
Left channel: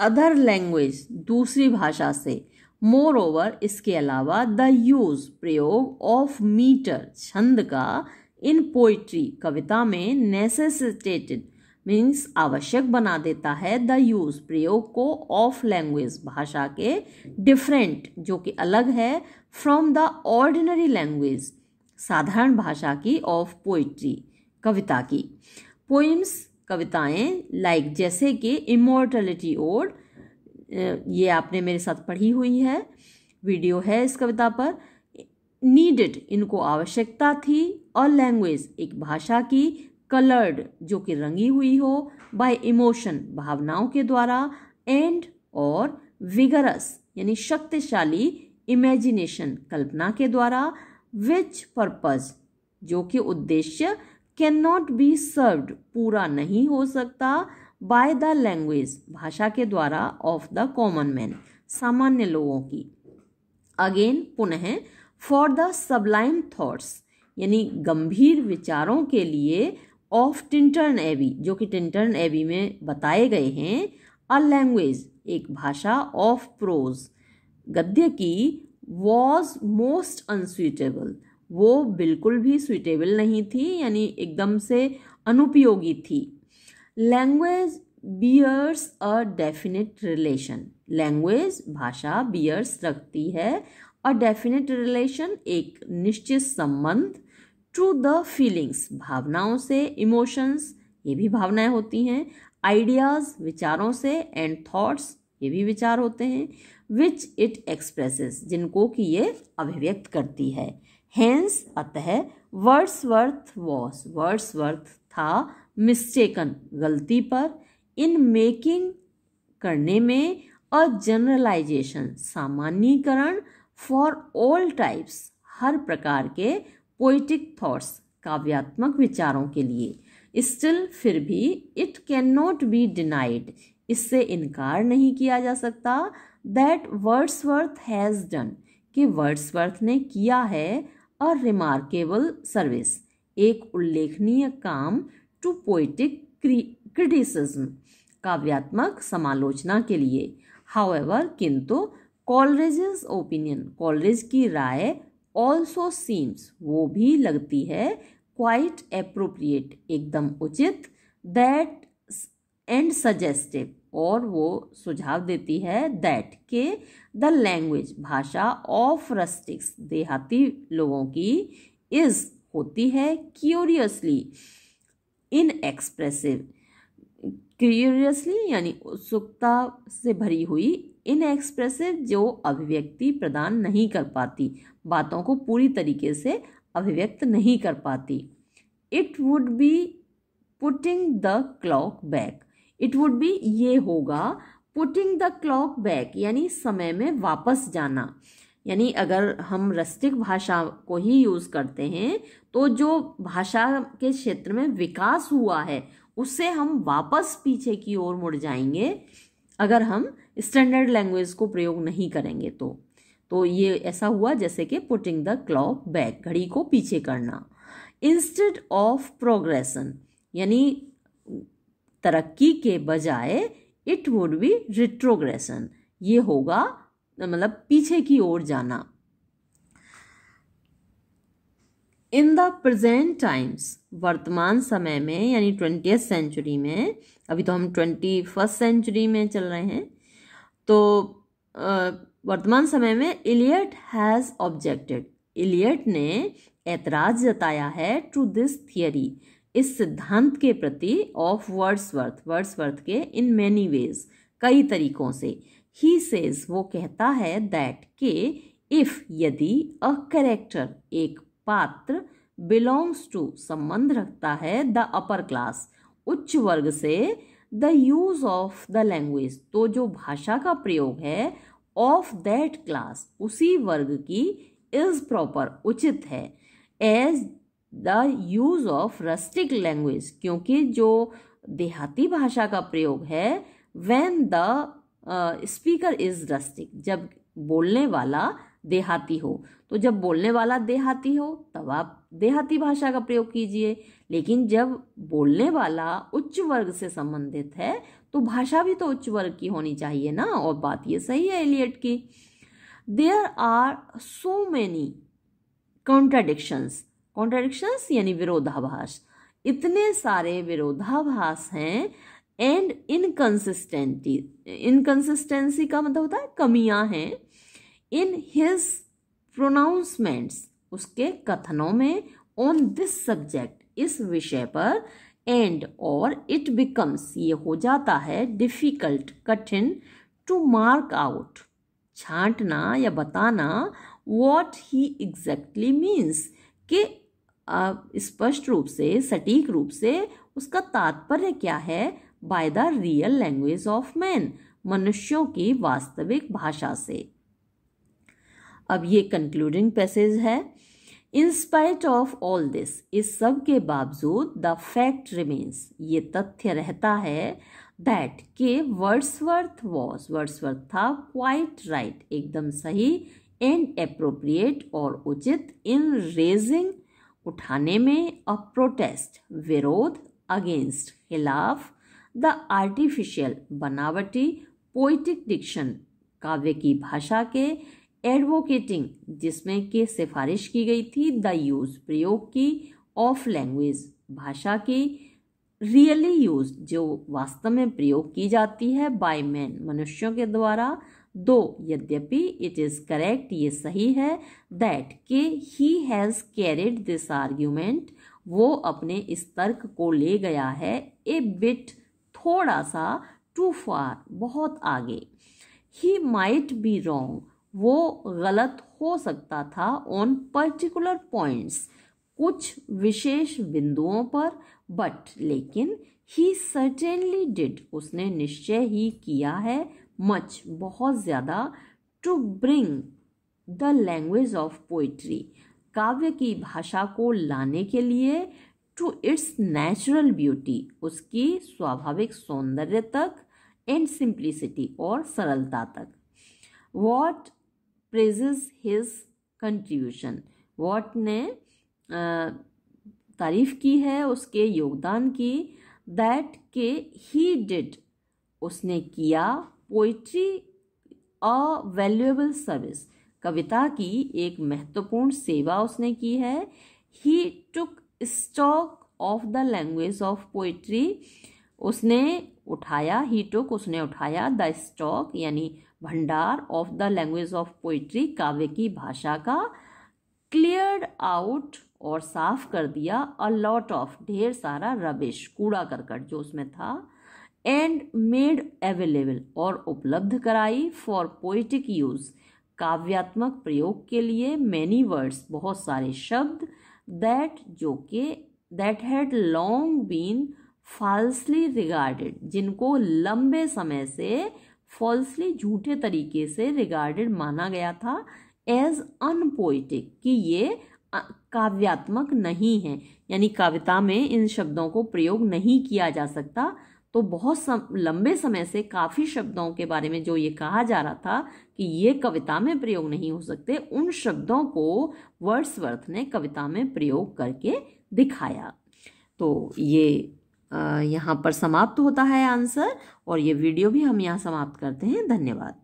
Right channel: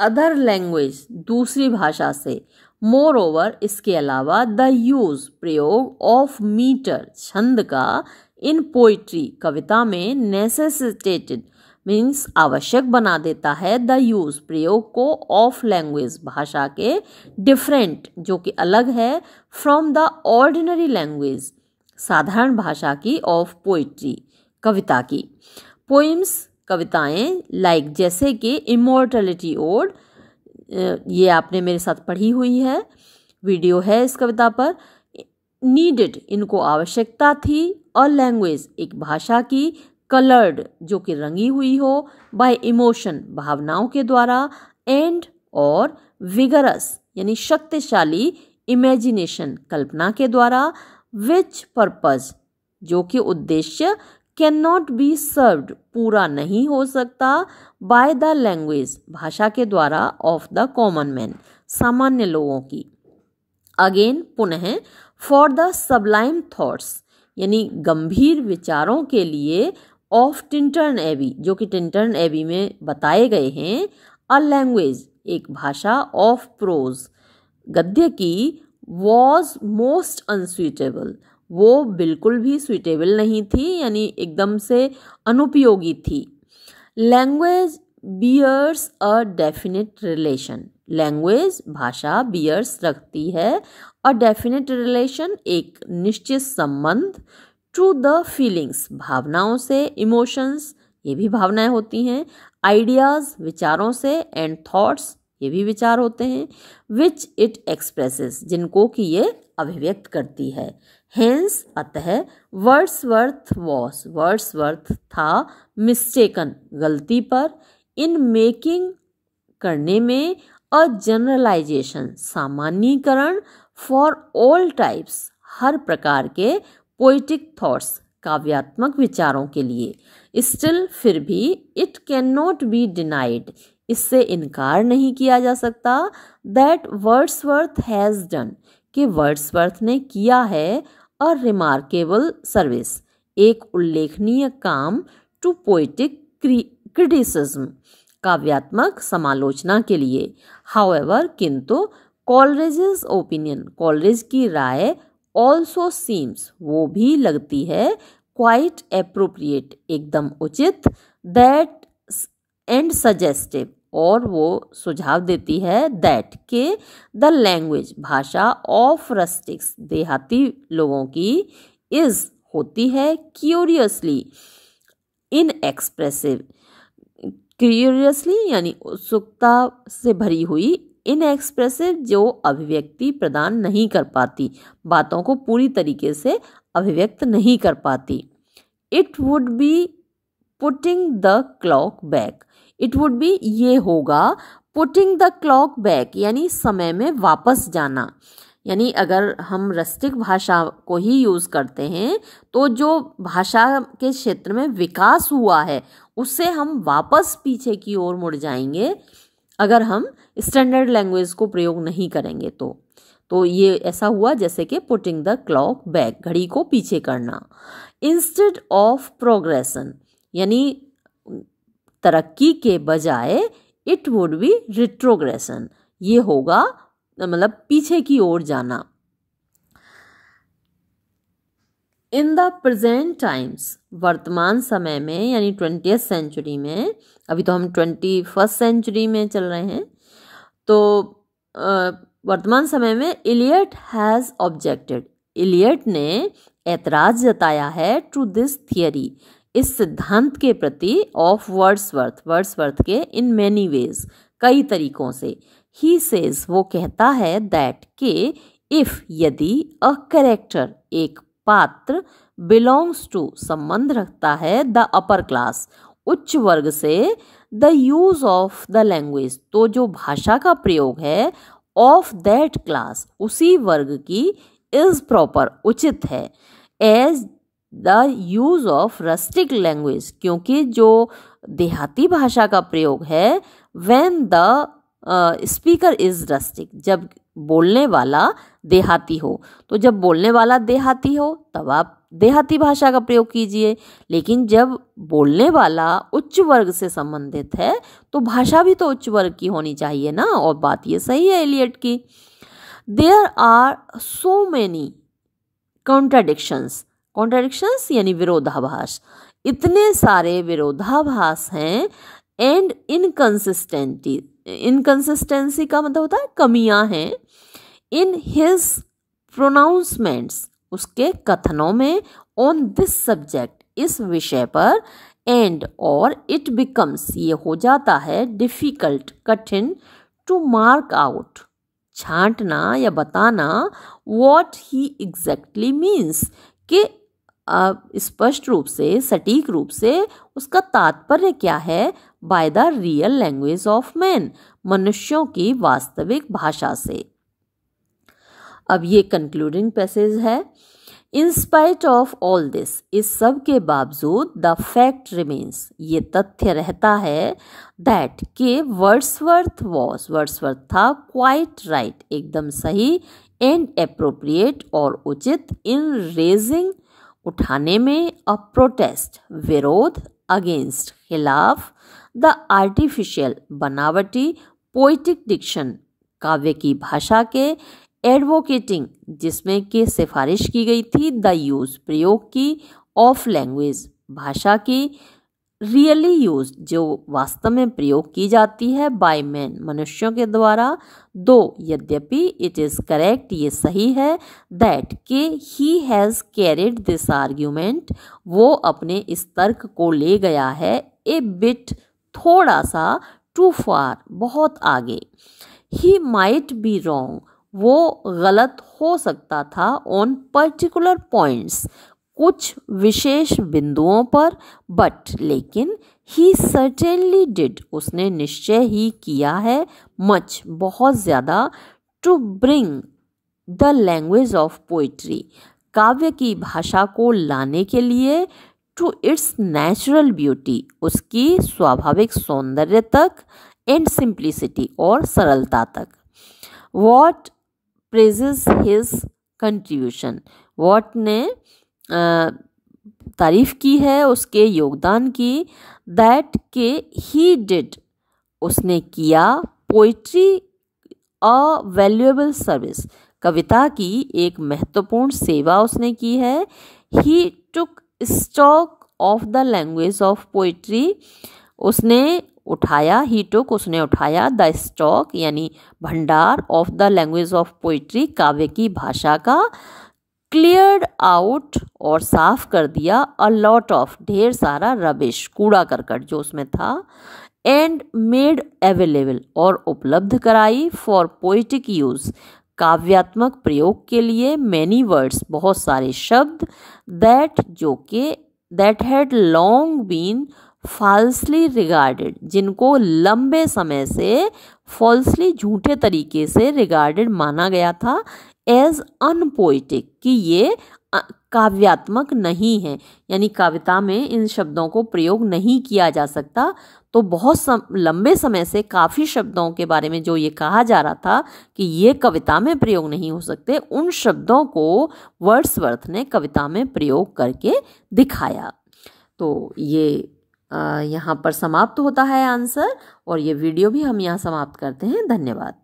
अदर लैंग्वेज, दूसरी भाषा से। मोर ओवर, इसके अलावा, द यूज, प्रयोग, ऑफ मीटर, छंद का, इन पोइट्री, कविता में, नेसेसिटेटेड मीन्स आवश्यक बना देता है, द यूज, प्रयोग को, ऑफ लैंग्वेज, भाषा के, डिफरेंट जो कि अलग है, फ्रॉम द ऑर्डिनरी लैंग्वेज, साधारण भाषा की, ऑफ पोइट्री, कविता की। पोइम्स, कविताएं, लाइक जैसे कि इमॉर्टलिटी ओड, ये आपने मेरे साथ पढ़ी हुई है, वीडियो है इस कविता पर। नीडेड, इनको आवश्यकता थी, और लैंग्वेज, एक भाषा की, कलर्ड जो कि रंगी हुई हो, बाय इमोशन, भावनाओं के द्वारा, एंड और विगरस यानी शक्तिशाली, इमेजिनेशन, कल्पना के द्वारा, विच पर्पज, जो कि उद्देश्य, कैन नॉट बी सर्व्ड, पूरा नहीं हो सकता, बाय द लैंग्वेज, भाषा के द्वारा, ऑफ द कॉमन मैन, सामान्य लोगों की। अगेन, पुनः, फॉर द सबलाइम थॉट्स, यानी गंभीर विचारों के लिए, ऑफ टिंटर्न एबी, जो कि टिंटर्न एबी में बताए गए हैं, अ लैंग्वेज, एक भाषा, ऑफ प्रोज, गद्य की, वॉज मोस्ट अनसुइटेबल, वो बिल्कुल भी सुइटेबल नहीं थी, यानी एकदम से अनुपयोगी थी। Language bears a definite relation, language, भाषा, बियर्स रखती है, अ डेफिनेट रिलेशन, एक निश्चित संबंध, टू द फीलिंग्स, भावनाओं से, इमोशंस, ये भी भावनाएं होती हैं, आइडियाज, विचारों से, एंड थॉट्स, ये भी विचार होते हैं, विच इट एक्सप्रेसेस, जिनको कि ये अभिव्यक्त करती है। हेंस, अतः, वर्ड्सवर्थ था, मिस्टेकन, गलती पर, इन मेकिंग, करने में, अ जनरलाइजेशन, सामान्यीकरण, फॉर ऑल टाइप्स, हर प्रकार के, पोइटिक थॉट्स, काव्यात्मक विचारों के लिए। स्टिल, फिर भी, it can not be denied, इससे इनकार नहीं किया जा सकता, दैट वर्ड्सवर्थ हैज़ डन, कि वर्ड्सवर्थ ने किया है, अ रिमार्केबल सर्विस, एक उल्लेखनीय काम, टू पोइटिक क्रिटिसिज्म, काव्यात्मक समालोचना के लिए। हाउएवर, किंतु, कॉलरिज's ओपिनियन, कॉलरिज की राय, ऑल्सो सीम्स, वो भी लगती है, क्वाइट एप्रोप्रिएट, एकदम उचित, दैट एंड सजेस्टिव, और वो सुझाव देती है, दैट के, द लैंग्वेज, भाषा, ऑफ रस्टिक्स, देहाती लोगों की, इज, होती है, क्यूरियसली इनएक्सप्रेसिव, क्यूरियसली यानी उत्सुकता से भरी हुई, इनएक्सप्रेसिव जो अभिव्यक्ति प्रदान नहीं कर पाती, बातों को पूरी तरीके से अभिव्यक्त नहीं कर पाती। It would be putting the clock back, it would be, ये होगा, पुटिंग द क्लॉक बैक यानी समय में वापस जाना, यानी अगर हम रस्टिक भाषा को ही यूज़ करते हैं तो जो भाषा के क्षेत्र में विकास हुआ है उससे हम वापस पीछे की ओर मुड़ जाएंगे अगर हम स्टैंडर्ड लैंग्वेज को प्रयोग नहीं करेंगे तो ये ऐसा हुआ जैसे कि पुटिंग द क्लॉक बैक, घड़ी को पीछे करना। इंस्टेड ऑफ प्रोग्रेशन यानी तरक्की के बजाय इट वुड बी रिट्रोग्रेशन, ये होगा मतलब पीछे की ओर जाना। इन द प्रेजेंट टाइम्स, वर्तमान समय में यानी 20th सेंचुरी में, अभी तो हम 21st सेंचुरी में चल रहे हैं, तो वर्तमान समय में इलियट हैज़ ऑब्जेक्टेड, इलियट ने ऐतराज जताया है टू दिस थियरी, इस सिद्धांत के प्रति, ऑफ वर्ड्सवर्थ, वर्ड्सवर्थ के, इन मैनी वेज, कई तरीकों से। ही सेज, वो कहता है, दैट के इफ, यदि, अ कैरेक्टर, एक पात्र, बिलोंग्स टू, संबंध रखता है, द अपर क्लास, उच्च वर्ग से, the use of the language, तो जो भाषा का प्रयोग है, ऑफ दैट क्लास, उसी वर्ग की, इज प्रॉपर, उचित है, as the use of rustic language, क्योंकि जो देहाती भाषा का प्रयोग है, when the speaker is rustic, जब बोलने वाला देहाती हो, तो जब बोलने वाला देहाती हो तब आप देहाती भाषा का प्रयोग कीजिए, लेकिन जब बोलने वाला उच्च वर्ग से संबंधित है तो भाषा भी तो उच्च वर्ग की होनी चाहिए ना, और बात ये सही है एलियट की। There are so many contradictions, contradictions यानी विरोधाभास, इतने सारे विरोधाभास हैं, एंड इनकंसिस्टेंसी, इनकंसिस्टेंसी का मतलब होता है कमियां हैं, इन हिज प्रोनाउंसमेंट्स, उसके कथनों में, ऑन दिस सब्जेक्ट, इस विषय पर, एंड और, इट बिकम्स, ये हो जाता है, डिफिकल्ट, कठिन, टू मार्क आउट, छांटना या बताना, व्हाट ही एग्जैक्टली मीन्स, कि स्पष्ट रूप से, सटीक रूप से उसका तात्पर्य क्या है, by the real language of man, मनुष्यों की वास्तविक भाषा से। अब ये कंक्लूडिंग पैसेज है। In spite of all this, इस सब के बावजूद, द फैक्ट रिमेन्स, ये तथ्य रहता है, दैट के वर्ड्सवर्थ वॉज, वर्ड्सवर्थ था, क्वाइट राइट, एकदम सही, एंड एप्रोप्रिएट, और उचित, इन रेजिंग, उठाने में, अ प्रोटेस्ट, विरोध, अगेंस्ट, खिलाफ, द आर्टिफिशियल, बनावटी, पोइटिक डिक्शन, काव्य की भाषा के, एडवोकेटिंग, जिसमें कि सिफारिश की गई थी, द यूज, प्रयोग की, ऑफ लैंग्वेज, भाषा की, रियली यूज, जो वास्तव में प्रयोग की जाती है, बाय मैन, मनुष्यों के द्वारा, दो, यद्यपि, इट इज करेक्ट, ये सही है, दैट के he has carried this argument, वो अपने इस तर्क को ले गया है, ए बिट, थोड़ा सा, टू फार, बहुत आगे, ही माइट बी रॉन्ग, वो गलत हो सकता था, ऑन पर्टिकुलर पॉइंट्स, कुछ विशेष बिंदुओं पर, बट, लेकिन, ही सर्टेनली डिड, उसने निश्चय ही किया है, मच, बहुत ज़्यादा, to bring the language of poetry, काव्य की भाषा को लाने के लिए, टू इट्स नेचुरल ब्यूटी, उसकी स्वाभाविक सौंदर्य तक, एंड सिंप्लिसिटी, और सरलता तक। What praises his contribution, what ने तारीफ की है उसके योगदान की, दैट के ही डिड, उसने किया, पोइट्री अ वैल्यूएबल सर्विस, कविता की एक महत्वपूर्ण सेवा उसने की है, he took stock of the language of poetry, उसने उठाया, ही टुक, उसने उठाया, द स्टॉक यानी भंडार, of the language of poetry, काव्य की भाषा का, क्लियर्ड आउट, और साफ कर दिया, अ लॉट ऑफ, ढेर सारा, रबिश, कूड़ा करकट जो उसमें था, एंड मेड अवेलेबल, और उपलब्ध कराई, फॉर पोइटिक यूज, काव्यात्मक प्रयोग के लिए, मैनी वर्ड्स, बहुत सारे शब्द, दैट, जो के, that had long been falsely regarded, जिनको लंबे समय से फॉल्सली, झूठे तरीके से, रिगार्डेड, माना गया था, एज अनपोइटिक, कि ये काव्यात्मक नहीं है, यानी कविता में इन शब्दों को प्रयोग नहीं किया जा सकता। तो बहुत लंबे समय से काफ़ी शब्दों के बारे में जो ये कहा जा रहा था कि ये कविता में प्रयोग नहीं हो सकते, उन शब्दों को वर्ड्सवर्थ ने कविता में प्रयोग करके दिखाया। तो ये यहाँ पर समाप्त होता है आंसर, और ये वीडियो भी हम यहाँ समाप्त करते हैं। धन्यवाद।